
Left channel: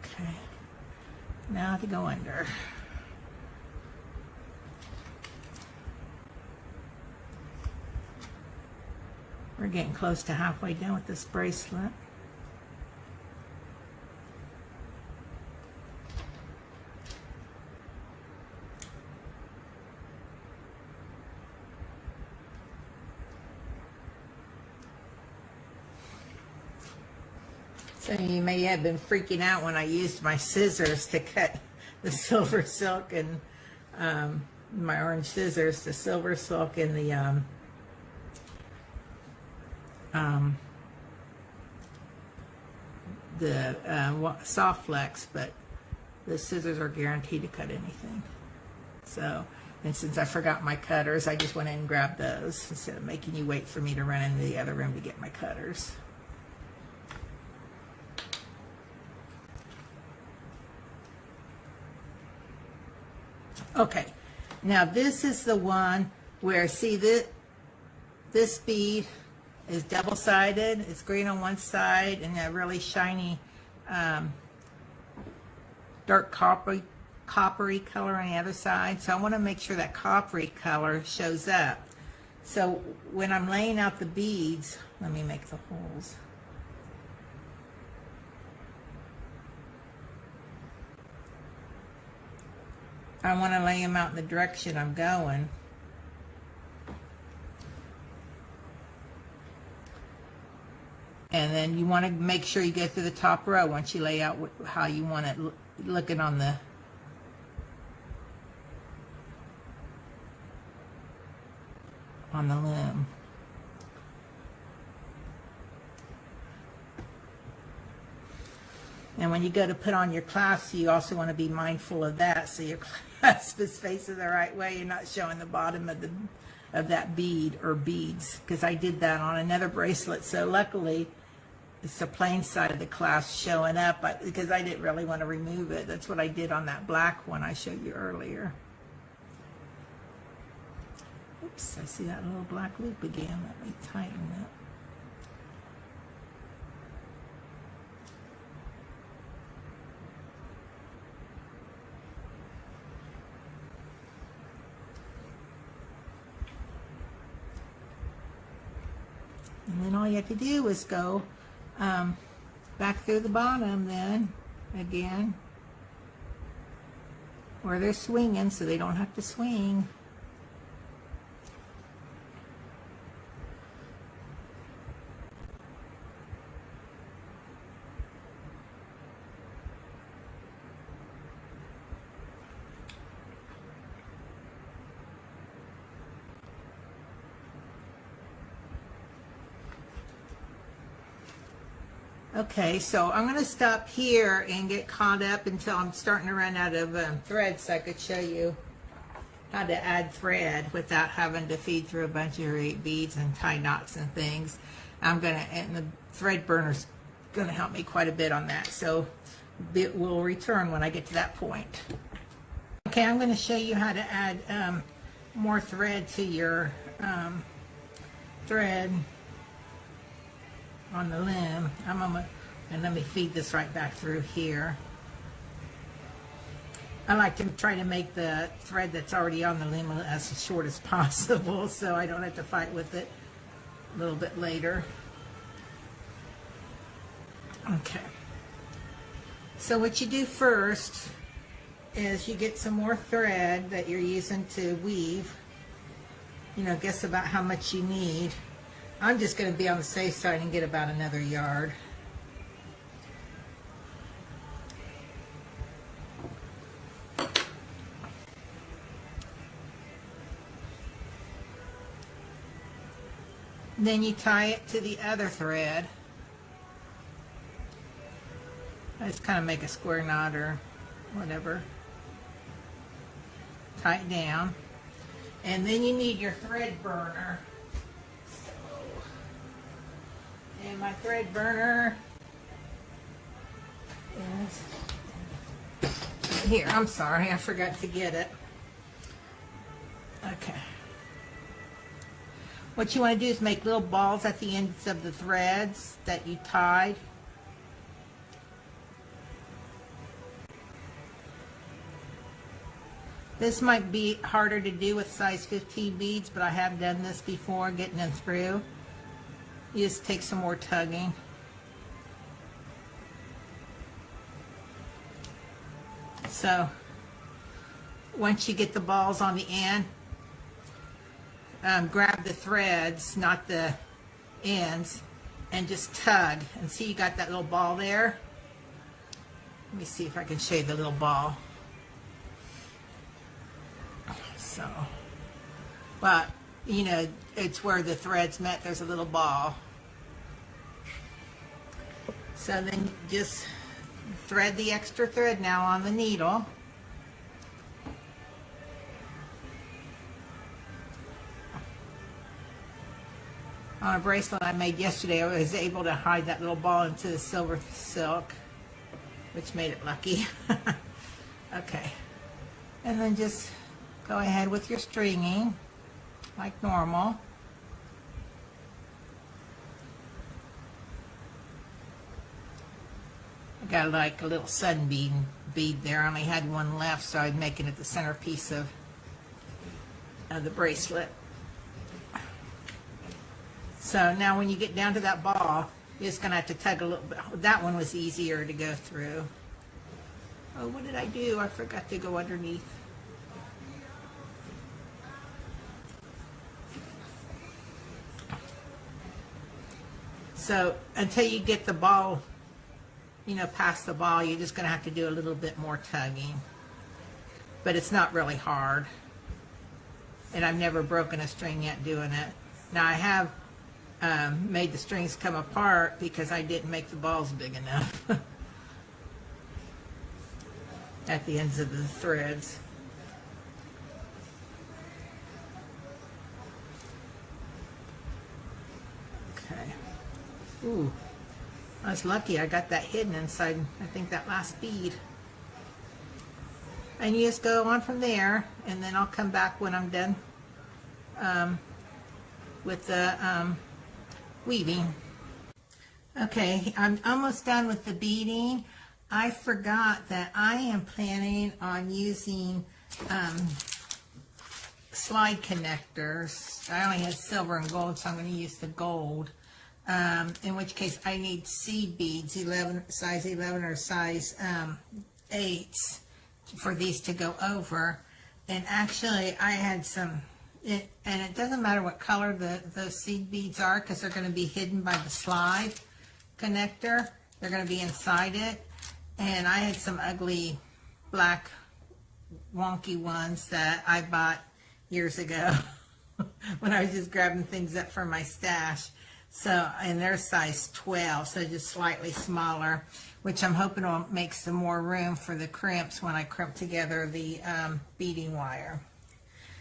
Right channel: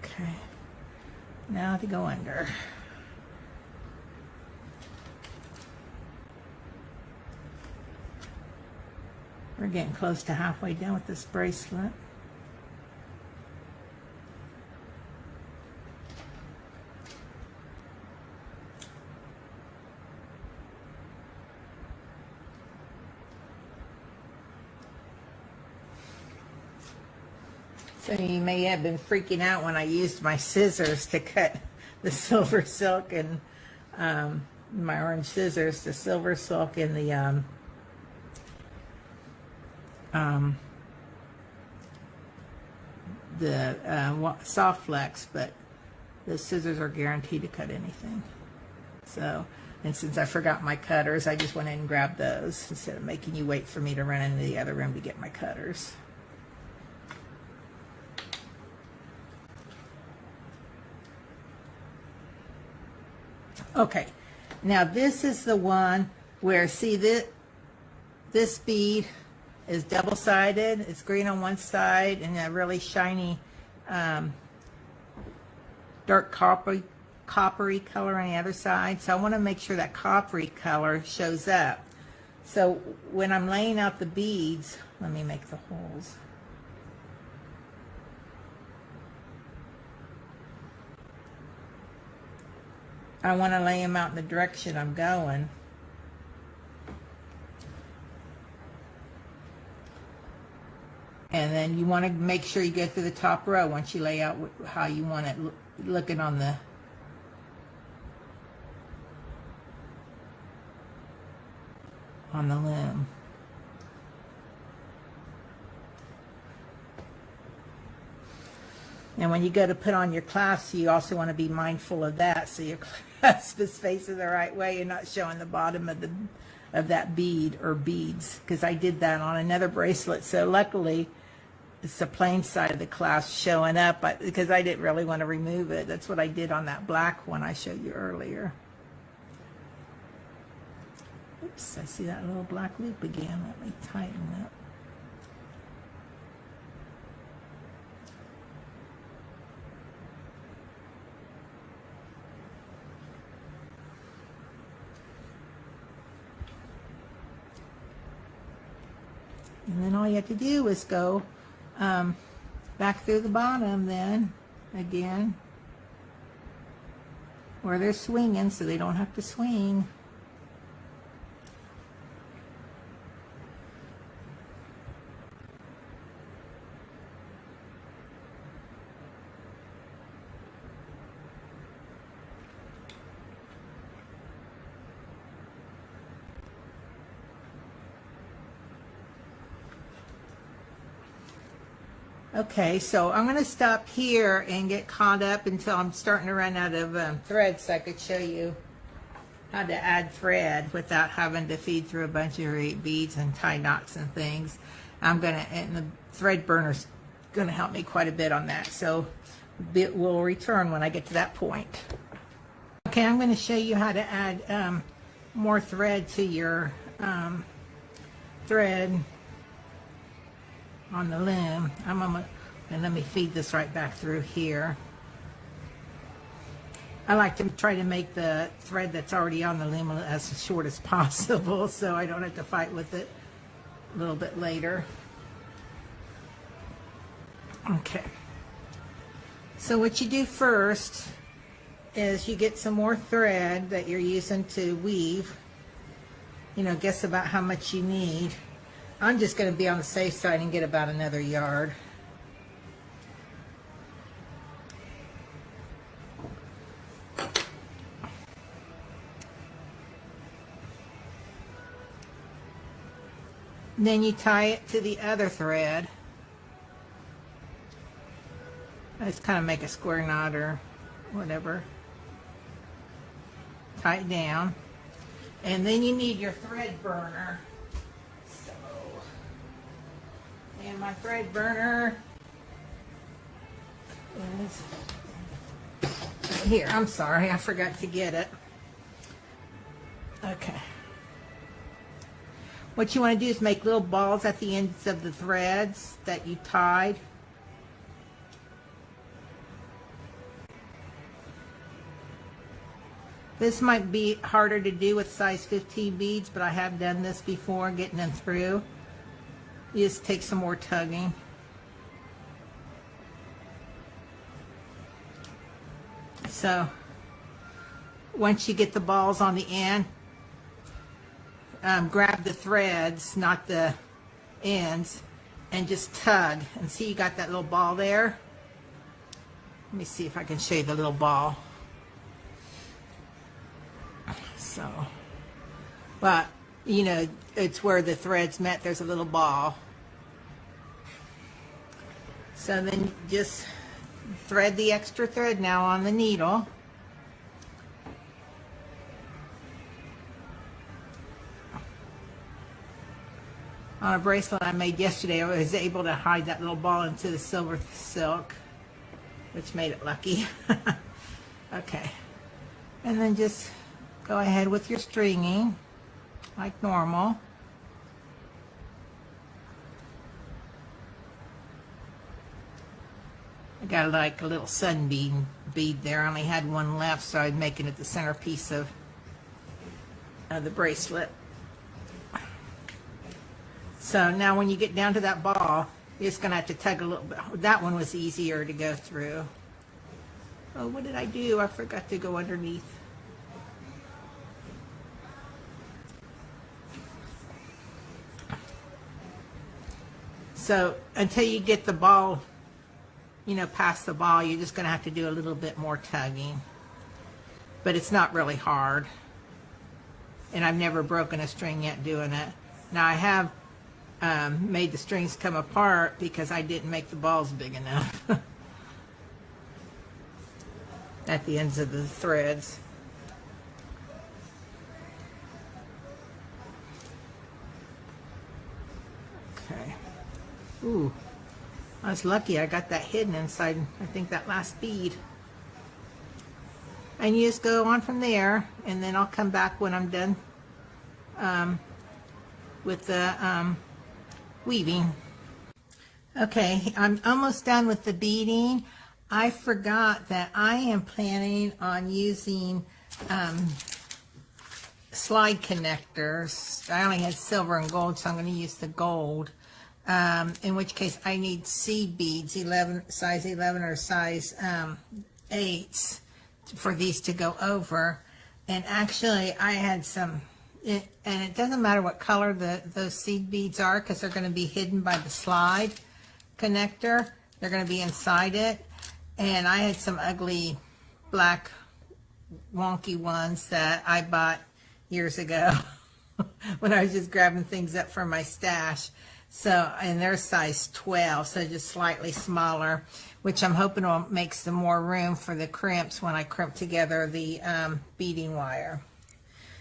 Okay. Now to go under. We're getting close to halfway done with this bracelet. So you may have been freaking out when I used my scissors to cut the SilverSilk and my orange scissors, the SilverSilk and the soft flex, but the scissors are guaranteed to cut anything. So, and since I forgot my cutters, I just went in and grabbed those instead of making you wait for me to run into the other room to get my cutters. Okay, now this is the one where, see, this bead is double-sided. It's green on one side and a really shiny dark coppery color on the other side. So I want to make sure that coppery color shows up. So when I'm laying out the beads, let me make the holes. I want to lay them out in the direction I'm going. And then you want to make sure you go through the top row once you lay out how you want it looking on the loom. And when you go to put on your clasp, you also want to be mindful of that, so your clasp is facing the right way and not showing the bottom of that bead or beads, because I did that on another bracelet. So luckily it's the plain side of the clasp showing up, because I didn't really want to remove it. That's what I did on that black one I showed you earlier. Oops, I see that little black loop again. Let me tighten it. And then all you have to do is go back through the bottom then, again, where they're swinging, so they don't have to swing. Okay, so I'm going to stop here and get caught up until I'm starting to run out of thread, so I could show you how to add thread without having to feed through a bunch of beads and tie knots and things. And the thread burner's going to help me quite a bit on that, so it will return when I get to that point. Okay, I'm going to show you how to add more thread to your thread on the loom. And let me feed this right back through here. I like to try to make the thread that's already on the loom as short as possible, so I don't have to fight with it a little bit later. Okay. So what you do first is you get some more thread that you're using to weave. You know, guess about how much you need. I'm just going to be on the safe side and get about another yard. Then you tie it to the other thread. I just kind of make a square knot or whatever. Tie it down. And then you need your thread burner. And my thread burner is here. I'm sorry, I forgot to get it. Okay. What you want to do is make little balls at the ends of the threads that you tied. This might be harder to do with size 15 beads, but I have done this before, getting them through. You just take some more tugging. So once you get the balls on the end, grab the threads, not the ends, and just tug. And see, you got that little ball there? Let me see if I can show you the little ball. So, but you know, it's where the threads met, there's a little ball. So then just thread the extra thread now on the needle. On a bracelet I made yesterday, I was able to hide that little ball into the SilverSilk, which made it lucky. Okay, and then just go ahead with your stringing like normal. I got like a little sunbeam bead there. I only had one left, so I'm making it the centerpiece of the bracelet. So now when you get down to that ball, you're just going to have to tug a little bit. That one was easier to go through. Oh, what did I do? I forgot to go underneath. So until you get the ball, you know, past the ball, you're just going to have to do a little bit more tugging. But it's not really hard. And I've never broken a string yet doing it. Now I have made the strings come apart because I didn't make the balls big enough at the ends of the threads. Okay. Ooh, I was lucky I got that hidden inside, I think, that last bead. And you just go on from there, and then I'll come back when I'm done with the weaving. Okay, I'm almost done with the beading. I forgot that I am planning on using slide connectors. I only had silver and gold, so I'm going to use the gold. In which case I need seed beads, size 11 or size 8s for these to go over. And actually I had some, and it doesn't matter what color those seed beads are, because they're going to be hidden by the slide connector. They're going to be inside it. And I had some ugly black wonky ones that I bought years ago when I was just grabbing things up from my stash. So, and they're size 12, so just slightly smaller, which I'm hoping will make some more room for the crimps when I crimp together the beading wire.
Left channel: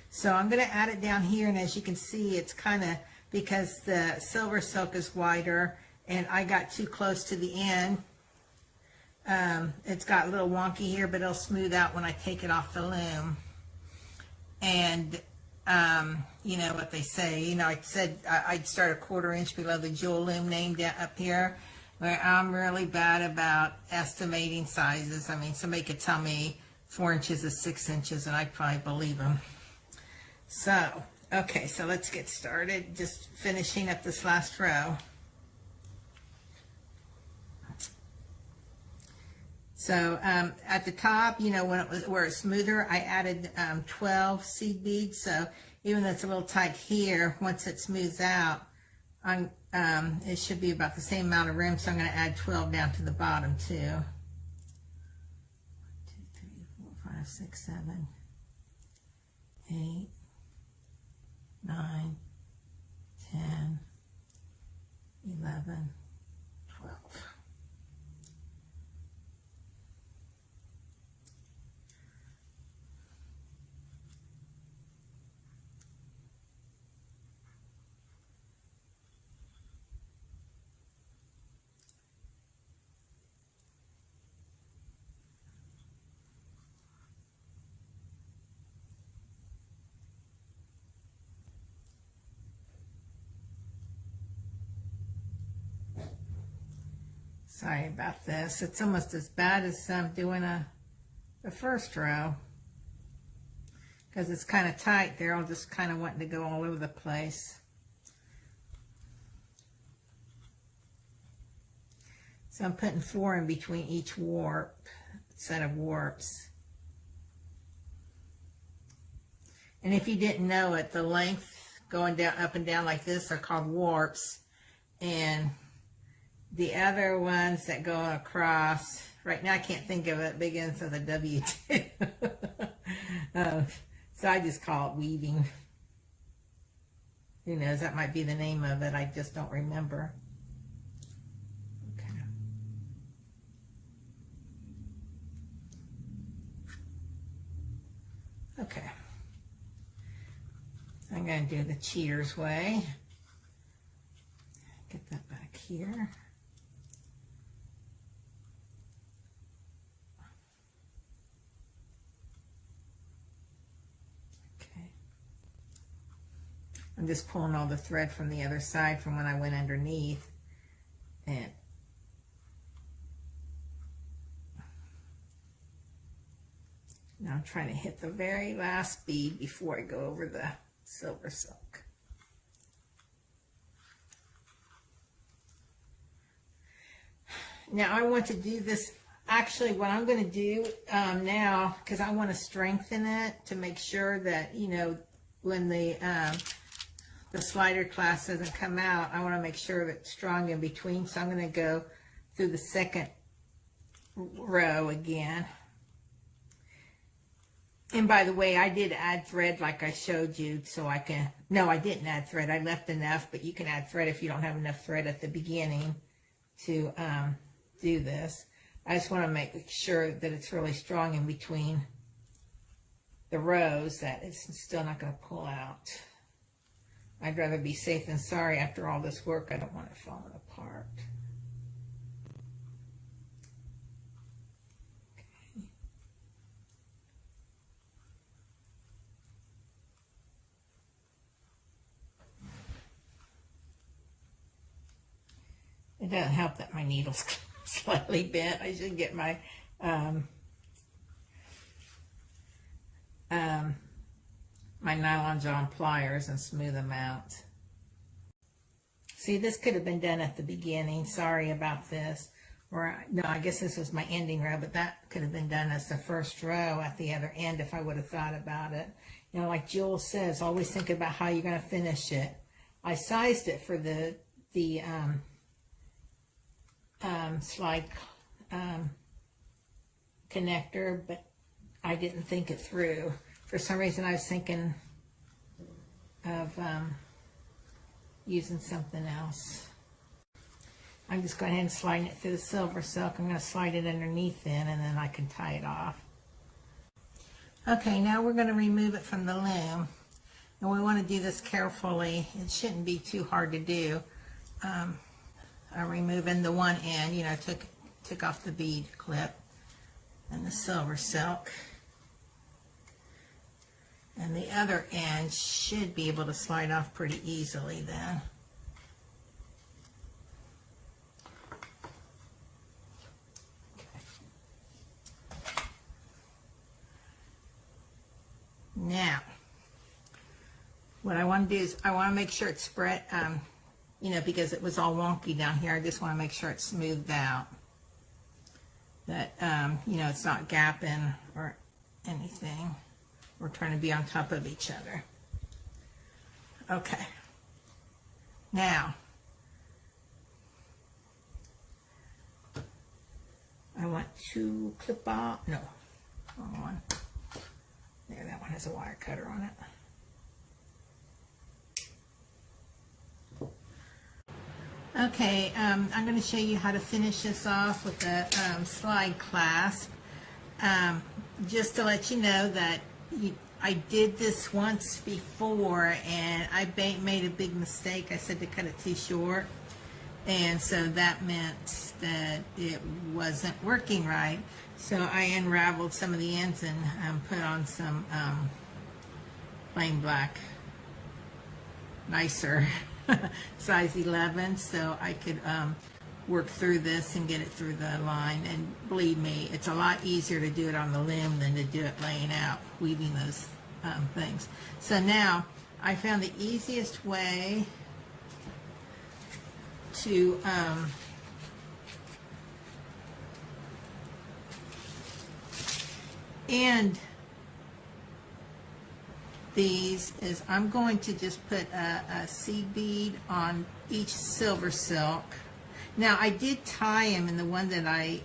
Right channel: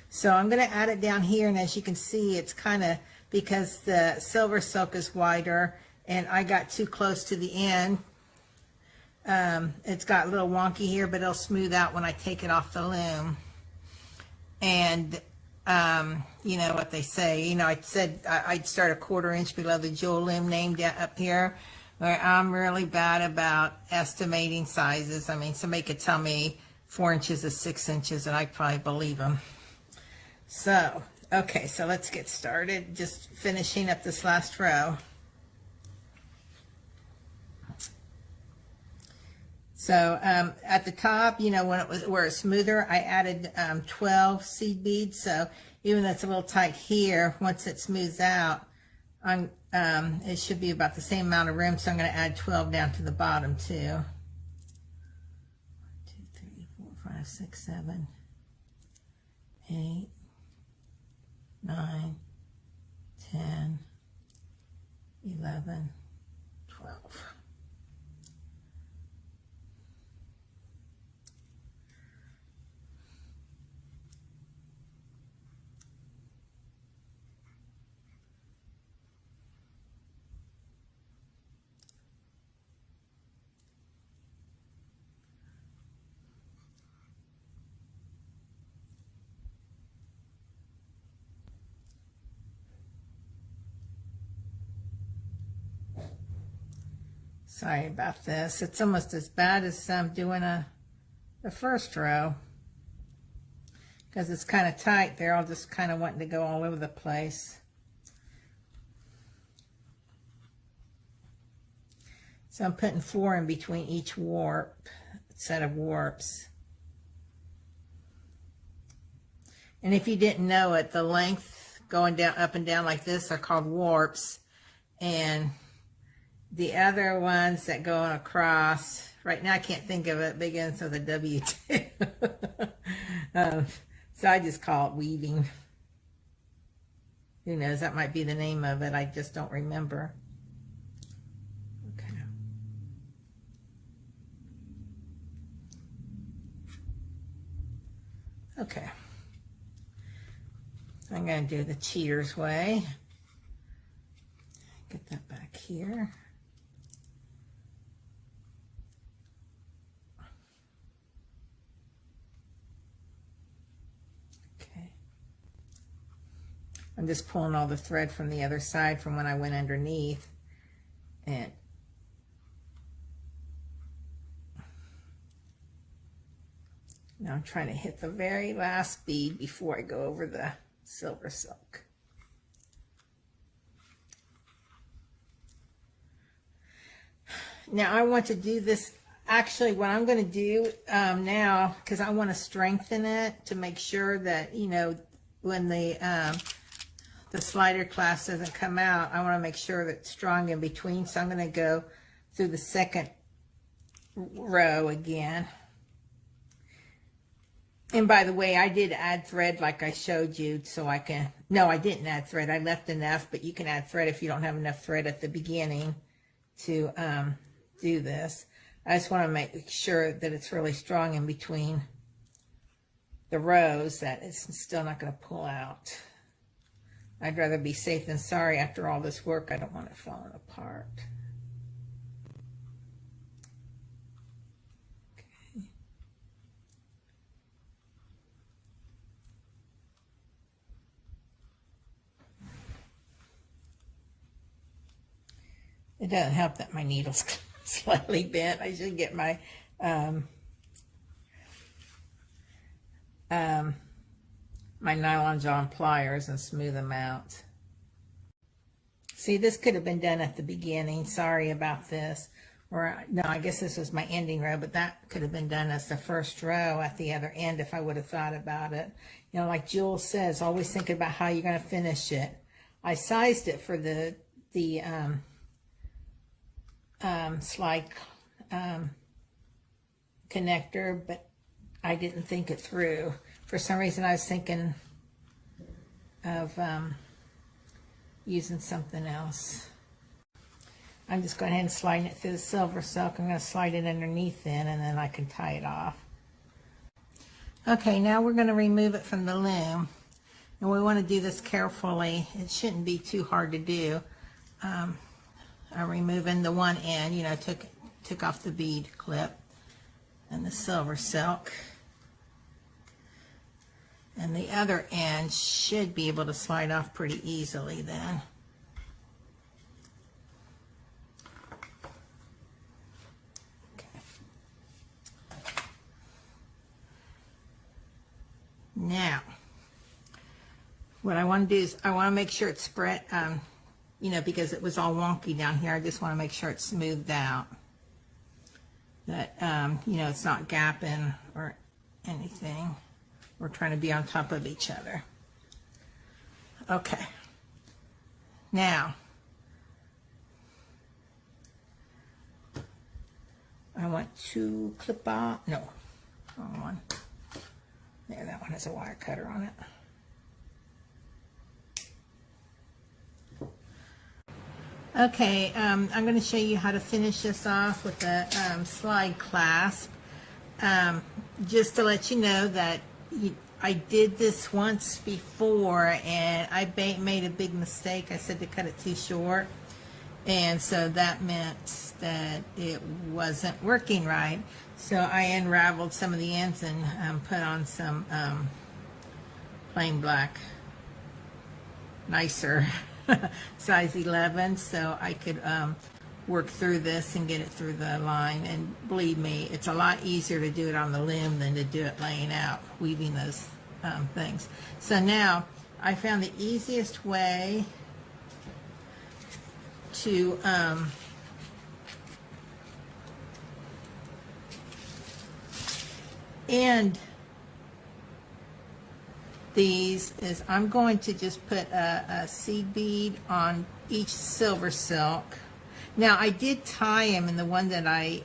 So I'm going to add it down here, and as you can see, it's kind of, because the SilverSilk is wider and I got too close to the end, it's got a little wonky here, but it'll smooth out when I take it off the loom. And you know what they say, you know, I said I'd start 1/4 inch below the jewel loom named up here, where I'm really bad about estimating sizes. I mean, somebody could tell me 4 inches is 6 inches and I'd probably believe them. So, okay, so let's get started. Just finishing up this last row. So at the top, you know, when it was where it's smoother, I added 12 seed beads. So even though it's a little tight here, once it smooths out, it should be about the same amount of room. So I'm going to add 12 down to the bottom too. 1, 2, 3, 4, 5, 6, 7, 8, 9, 10, 11, 12. Sorry about this. It's almost as bad as doing the first row, because it's kind of tight. They're all just kind of wanting to go all over the place. So I'm putting 4 in between each set of warps. And if you didn't know it, the length going down, up and down like this are called warps, and the other ones that go across, right now I can't think of it, begins with a W too. So I just call it weaving. Who knows, that might be the name of it, I just don't remember. Okay. Okay. I'm going to do the cheater's way. Get that back here. I'm just pulling all the thread from the other side from when I went underneath. And now I'm trying to hit the very last bead before I go over the SilverSilk. Now I want to do this, actually what I'm going to do now, because I want to strengthen it to make sure that, you know, when the the slider clasp doesn't come out, I want to make sure that it's strong in between. So I'm going to go through the second row again. And by the way, I did add thread like I showed you, so I can, no, I didn't add thread. I left enough, but you can add thread if you don't have enough thread at the beginning to do this. I just want to make sure that it's really strong in between the rows, that it's still not going to pull out. I'd rather be safe than sorry. After all this work, I don't want it falling apart. Okay. It doesn't help that my needle's slightly bent. I should get my my nylon John pliers and smooth them out. See, this could have been done at the beginning. Sorry about this. Or no, I guess this was my ending row, but that could have been done as the first row at the other end if I would have thought about it. You know, like Jules says, always think about how you're going to finish it. I sized it for the slide connector, but I didn't think it through. For some reason, I was thinking of using something else. I'm just going ahead and sliding it through the SilverSilk. I'm going to slide it underneath then, and then I can tie it off. Okay, now we're going to remove it from the loom. And we want to do this carefully. It shouldn't be too hard to do. I'm removing the one end, you know, took off the bead clip and the SilverSilk. And the other end should be able to slide off pretty easily then. Okay. Now, what I want to do is I want to make sure it's spread, you know, because it was all wonky down here. I just want to make sure it's smoothed out. That, you know, it's not gapping or anything. We're trying to be on top of each other. Okay. Now, I want to clip off, no, wrong one. There, that one has a wire cutter on it. Okay, I'm going to show you how to finish this off with the slide clasp. Just to let you know that I did this once before and I made a big mistake. I said to cut it too short, and so that meant that it wasn't working right. So I unraveled some of the ends and put on some plain black, nicer size 11, so I could work through this and get it through the line. And believe me, it's a lot easier to do it on the loom than to do it laying out, weaving those things. So now I found the easiest way to end these is I'm going to just put a seed bead on each SilverSilk. Now I did tie them in the one that I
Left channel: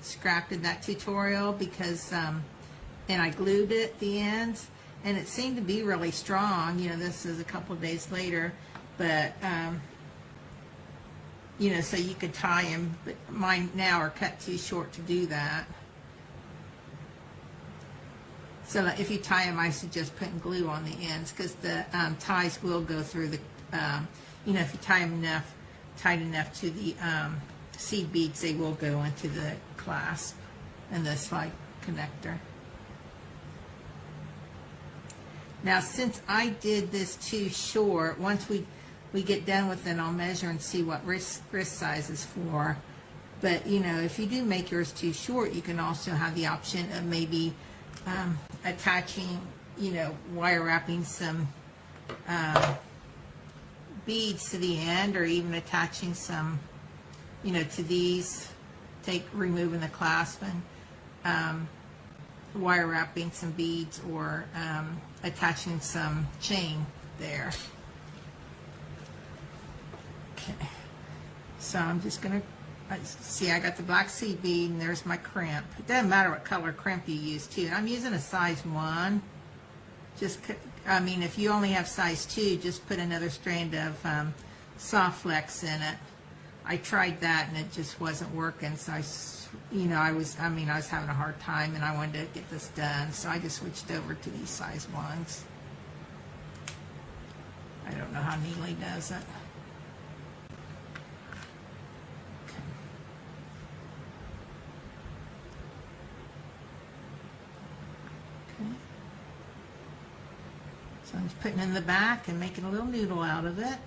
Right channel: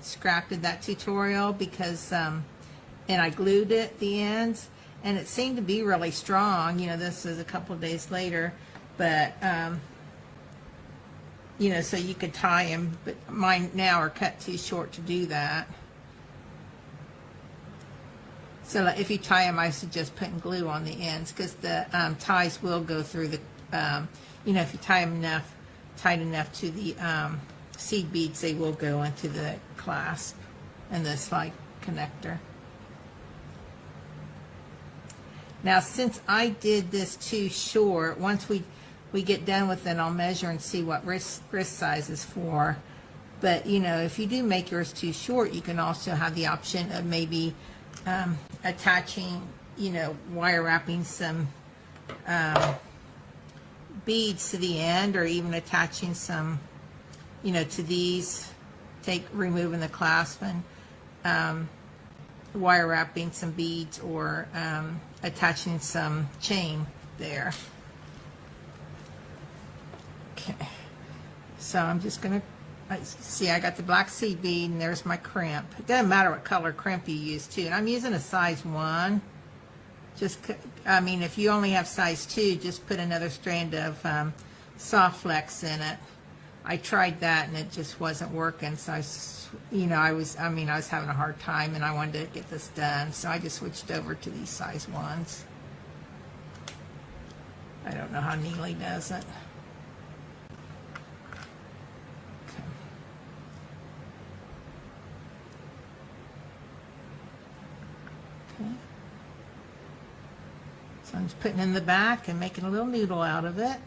scrapped in that tutorial because and I glued it at the ends, and it seemed to be really strong. You know, this is a couple of days later, but you know, so you could tie them, but mine now are cut too short to do that. So if you tie them, I suggest putting glue on the ends because the ties will go through the, you know, if you tie them tight enough to the seed beads, they will go into the clasp and the slide connector. Now, since I did this too short, once we get done with it, I'll measure and see what wrist size is for. But, you know, if you do make yours too short, you can also have the option of maybe attaching, you know, wire wrapping some beads to the end, or even attaching some, you know, to these, removing the clasp and wire wrapping some beads, or attaching some chain there. Okay, so I'm just going to, see, I got the black seed bead and there's my crimp. It doesn't matter what color crimp you use too. And I'm using a size 1. Just, I mean, if you only have size 2, just put another strand of soft flex in it. I tried that and it just wasn't working, so I was having a hard time and I wanted to get this done, so I just switched over to these size 1s. I don't know how Neely does it. Okay. So I'm just putting in the back and making a little noodle out of it.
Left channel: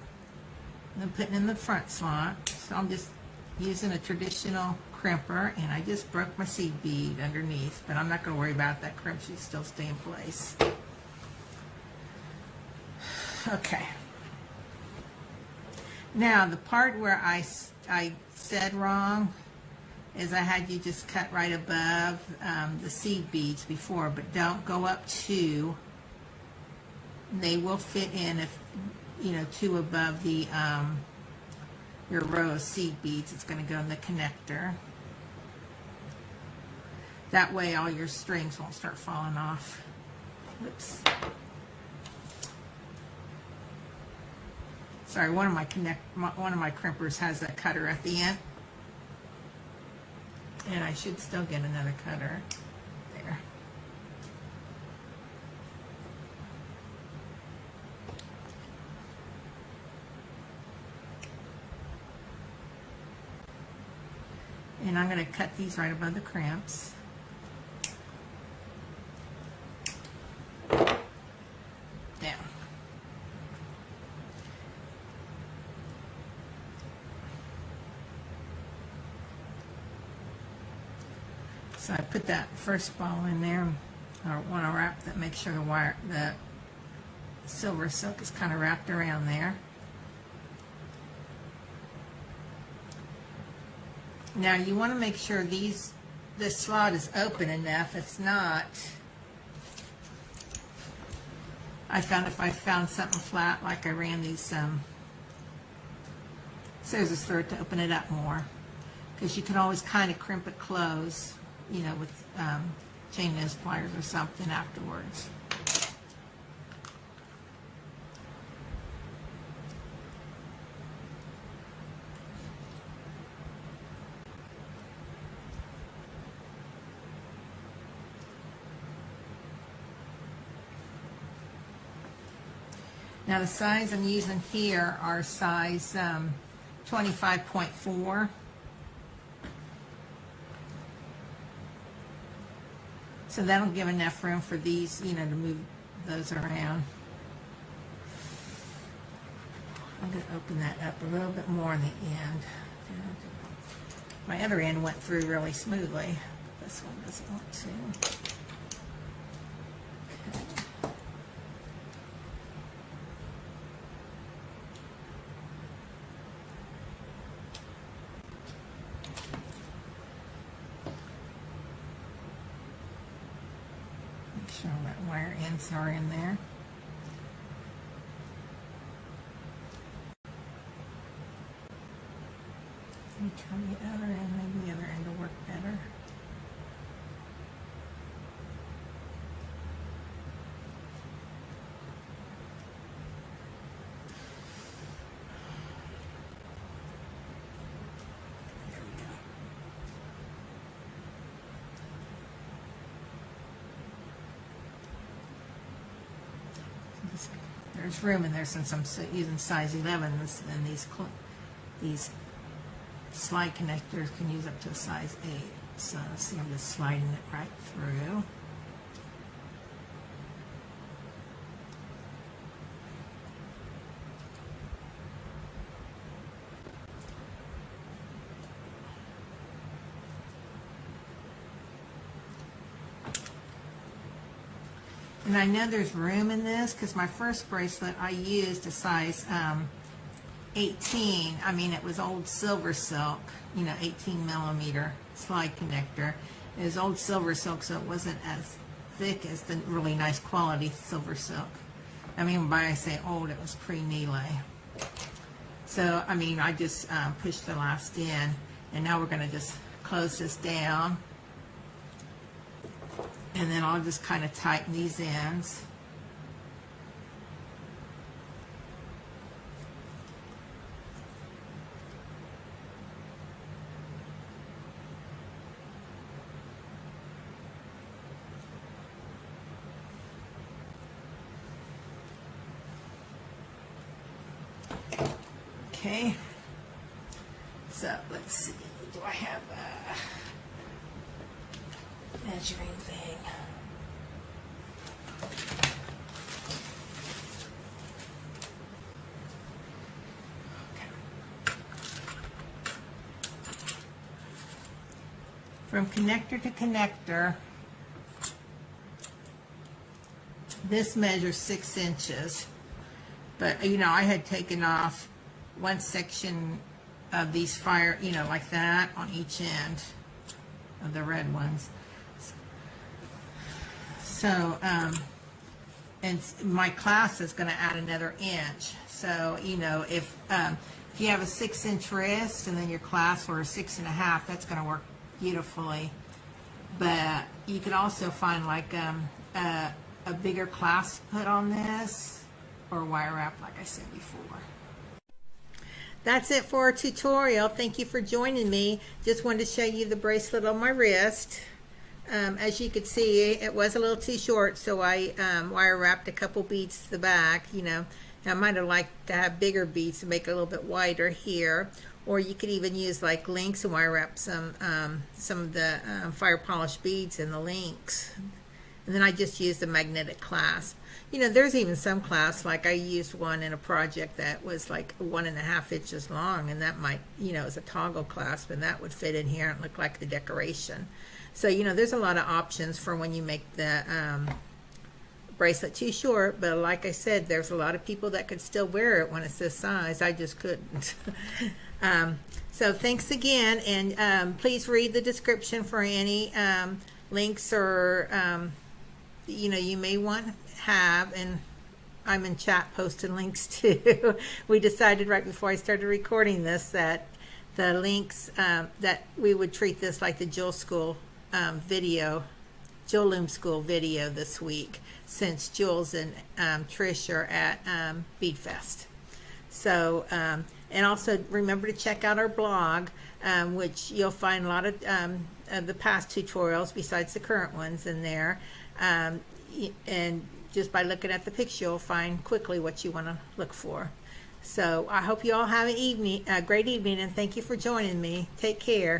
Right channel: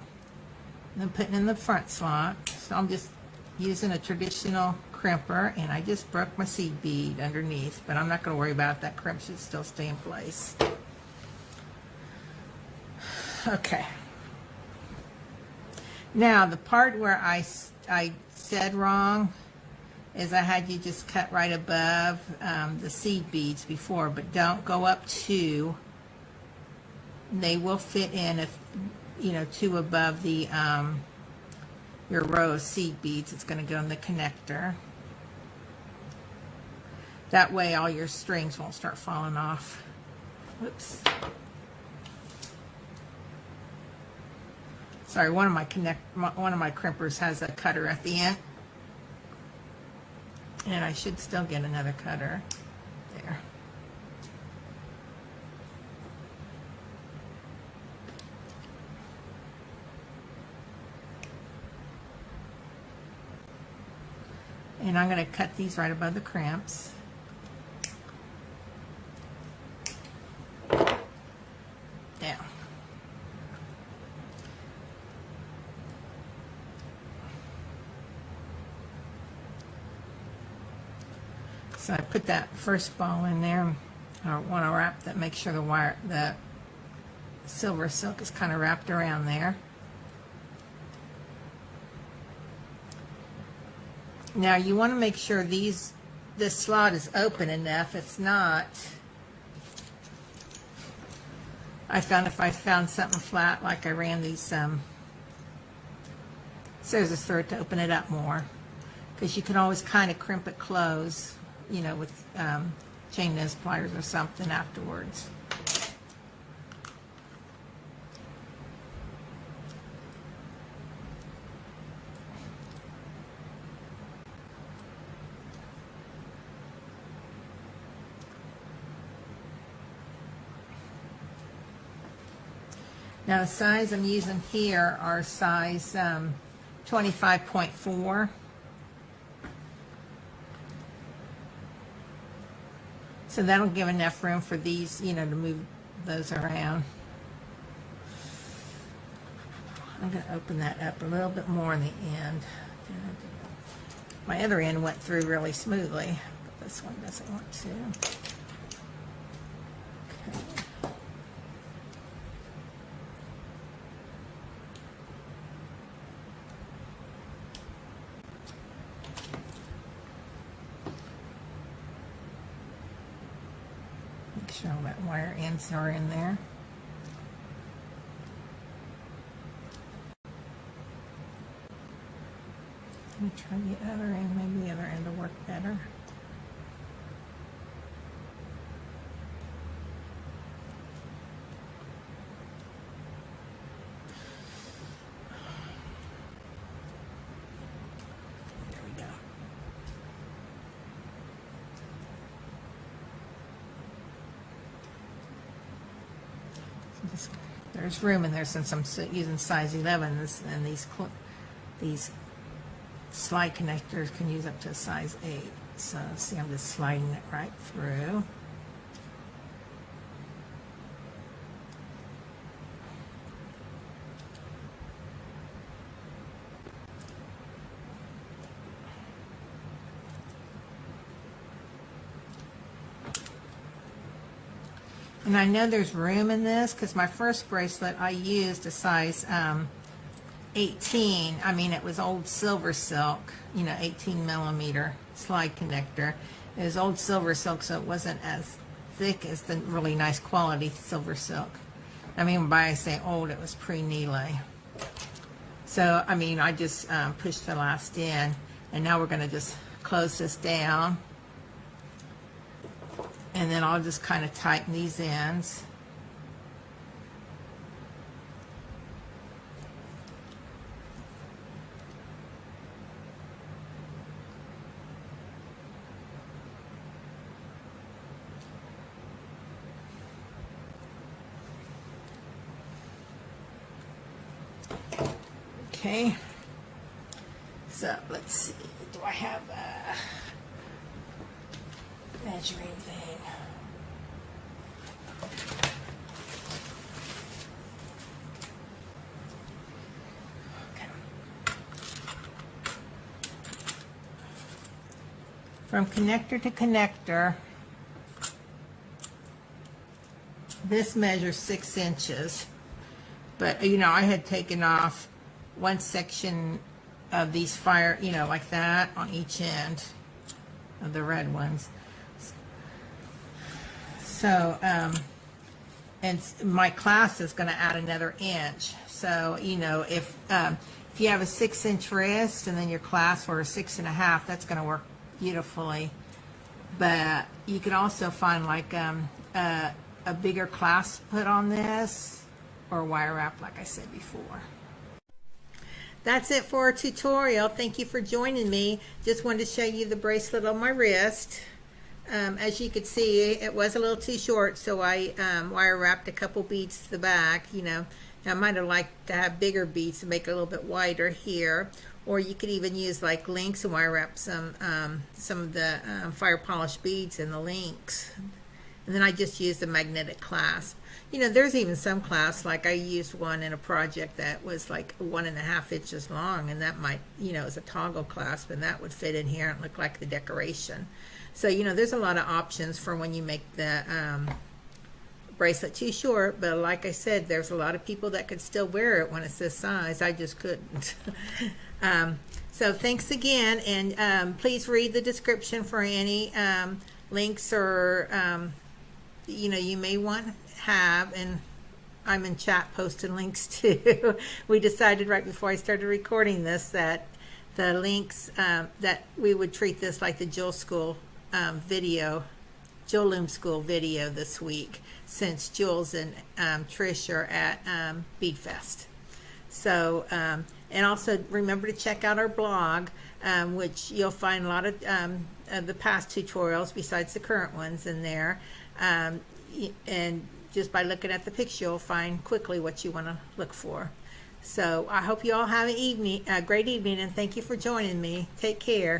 And then putting in the front slot. So I'm just using a traditional crimper, and I just broke my seed bead underneath, but I'm not going to worry about it. That crimp should still stay in place. Okay. Now the part where I said wrong is I had you just cut right above the seed beads before, but don't go up 2. They will fit in if 2 above the your row of seed beads. It's going to go in the connector. That way all your strings won't start falling off. Whoops. Sorry, one of my crimpers has a cutter at the end, and I should still get another cutter there. And I'm going to cut these right above the crimps. Now, so I put that first ball in there. I want to wrap that, make sure the SilverSilk is kind of wrapped around there. Now you want to make sure this slot is open enough. If not, I found if I found something flat, like I ran these scissors through it to open it up more, because you can always kind of crimp it close, with chain nose pliers or something afterwards. Now the size I'm using here are size 25.4. So that'll give enough room for these, to move those around. I'm going to open that up a little bit more in the end. My other end went through really smoothly. This one doesn't want to. Sure that wire ends are in there. Let me try the other end. Maybe the other end will work better. There's room in there since I'm using size 11, and these slide connectors can use up to a size 8. So see, I'm just sliding it right through. And I know there's room in this because my first bracelet I used a size 18. I mean, it was old SilverSilk, 18 millimeter slide connector. It was old SilverSilk, so it wasn't as thick as the really nice quality SilverSilk. I mean, by I say old, it was pre-Neely. So, I mean, I just pushed the last in, and now we're going to just close this down. And then I'll just kind of tighten these ends. Okay, so let's see, do I have a measuring thing? Okay. From connector to connector, this measures 6 inches, but you know, I had taken off one section of these fire, you know, like that on each end of the red ones. So, and my clasp is going to add another inch. So, you know, if you have a 6-inch wrist and then your clasp for a 6.5, that's going to work beautifully. But you can also find like a bigger clasp to put on this, or wire wrap, like I said before. That's it for our tutorial. Thank you for joining me. Just wanted to show you the bracelet on my wrist. As you could see, it was a little too short, so I wire wrapped a couple beads to the back. You know, I might have liked to have bigger beads to make it a little bit wider here. Or you could even use like links and wire wrap some of the fire polished beads in the links. And then I just used the magnetic clasp. You know, there's even some clasps, like I used one in a project that was like 1.5 inches long, and that might, you know, as a toggle clasp, and that would fit in here and look like the decoration. So, you know, there's a lot of options for when you make the bracelet too short, but like I said, there's a lot of people that could still wear it when it's this size. I just couldn't. So thanks again, and please read the description for any links or you know, you may want to have, and I'm in chat posting links too. We decided right before I started recording this that the links, that we would treat this like the Jewel School video, Jewel Loom School video this week, since Jules and Trish are at Bead Fest. So, and also remember to check out our blog, which you'll find a lot of the past tutorials besides the current ones in there. And just by looking at the picture, you'll find quickly what you want to look for. So I hope you all have a great evening, and thank you for joining me. Take care.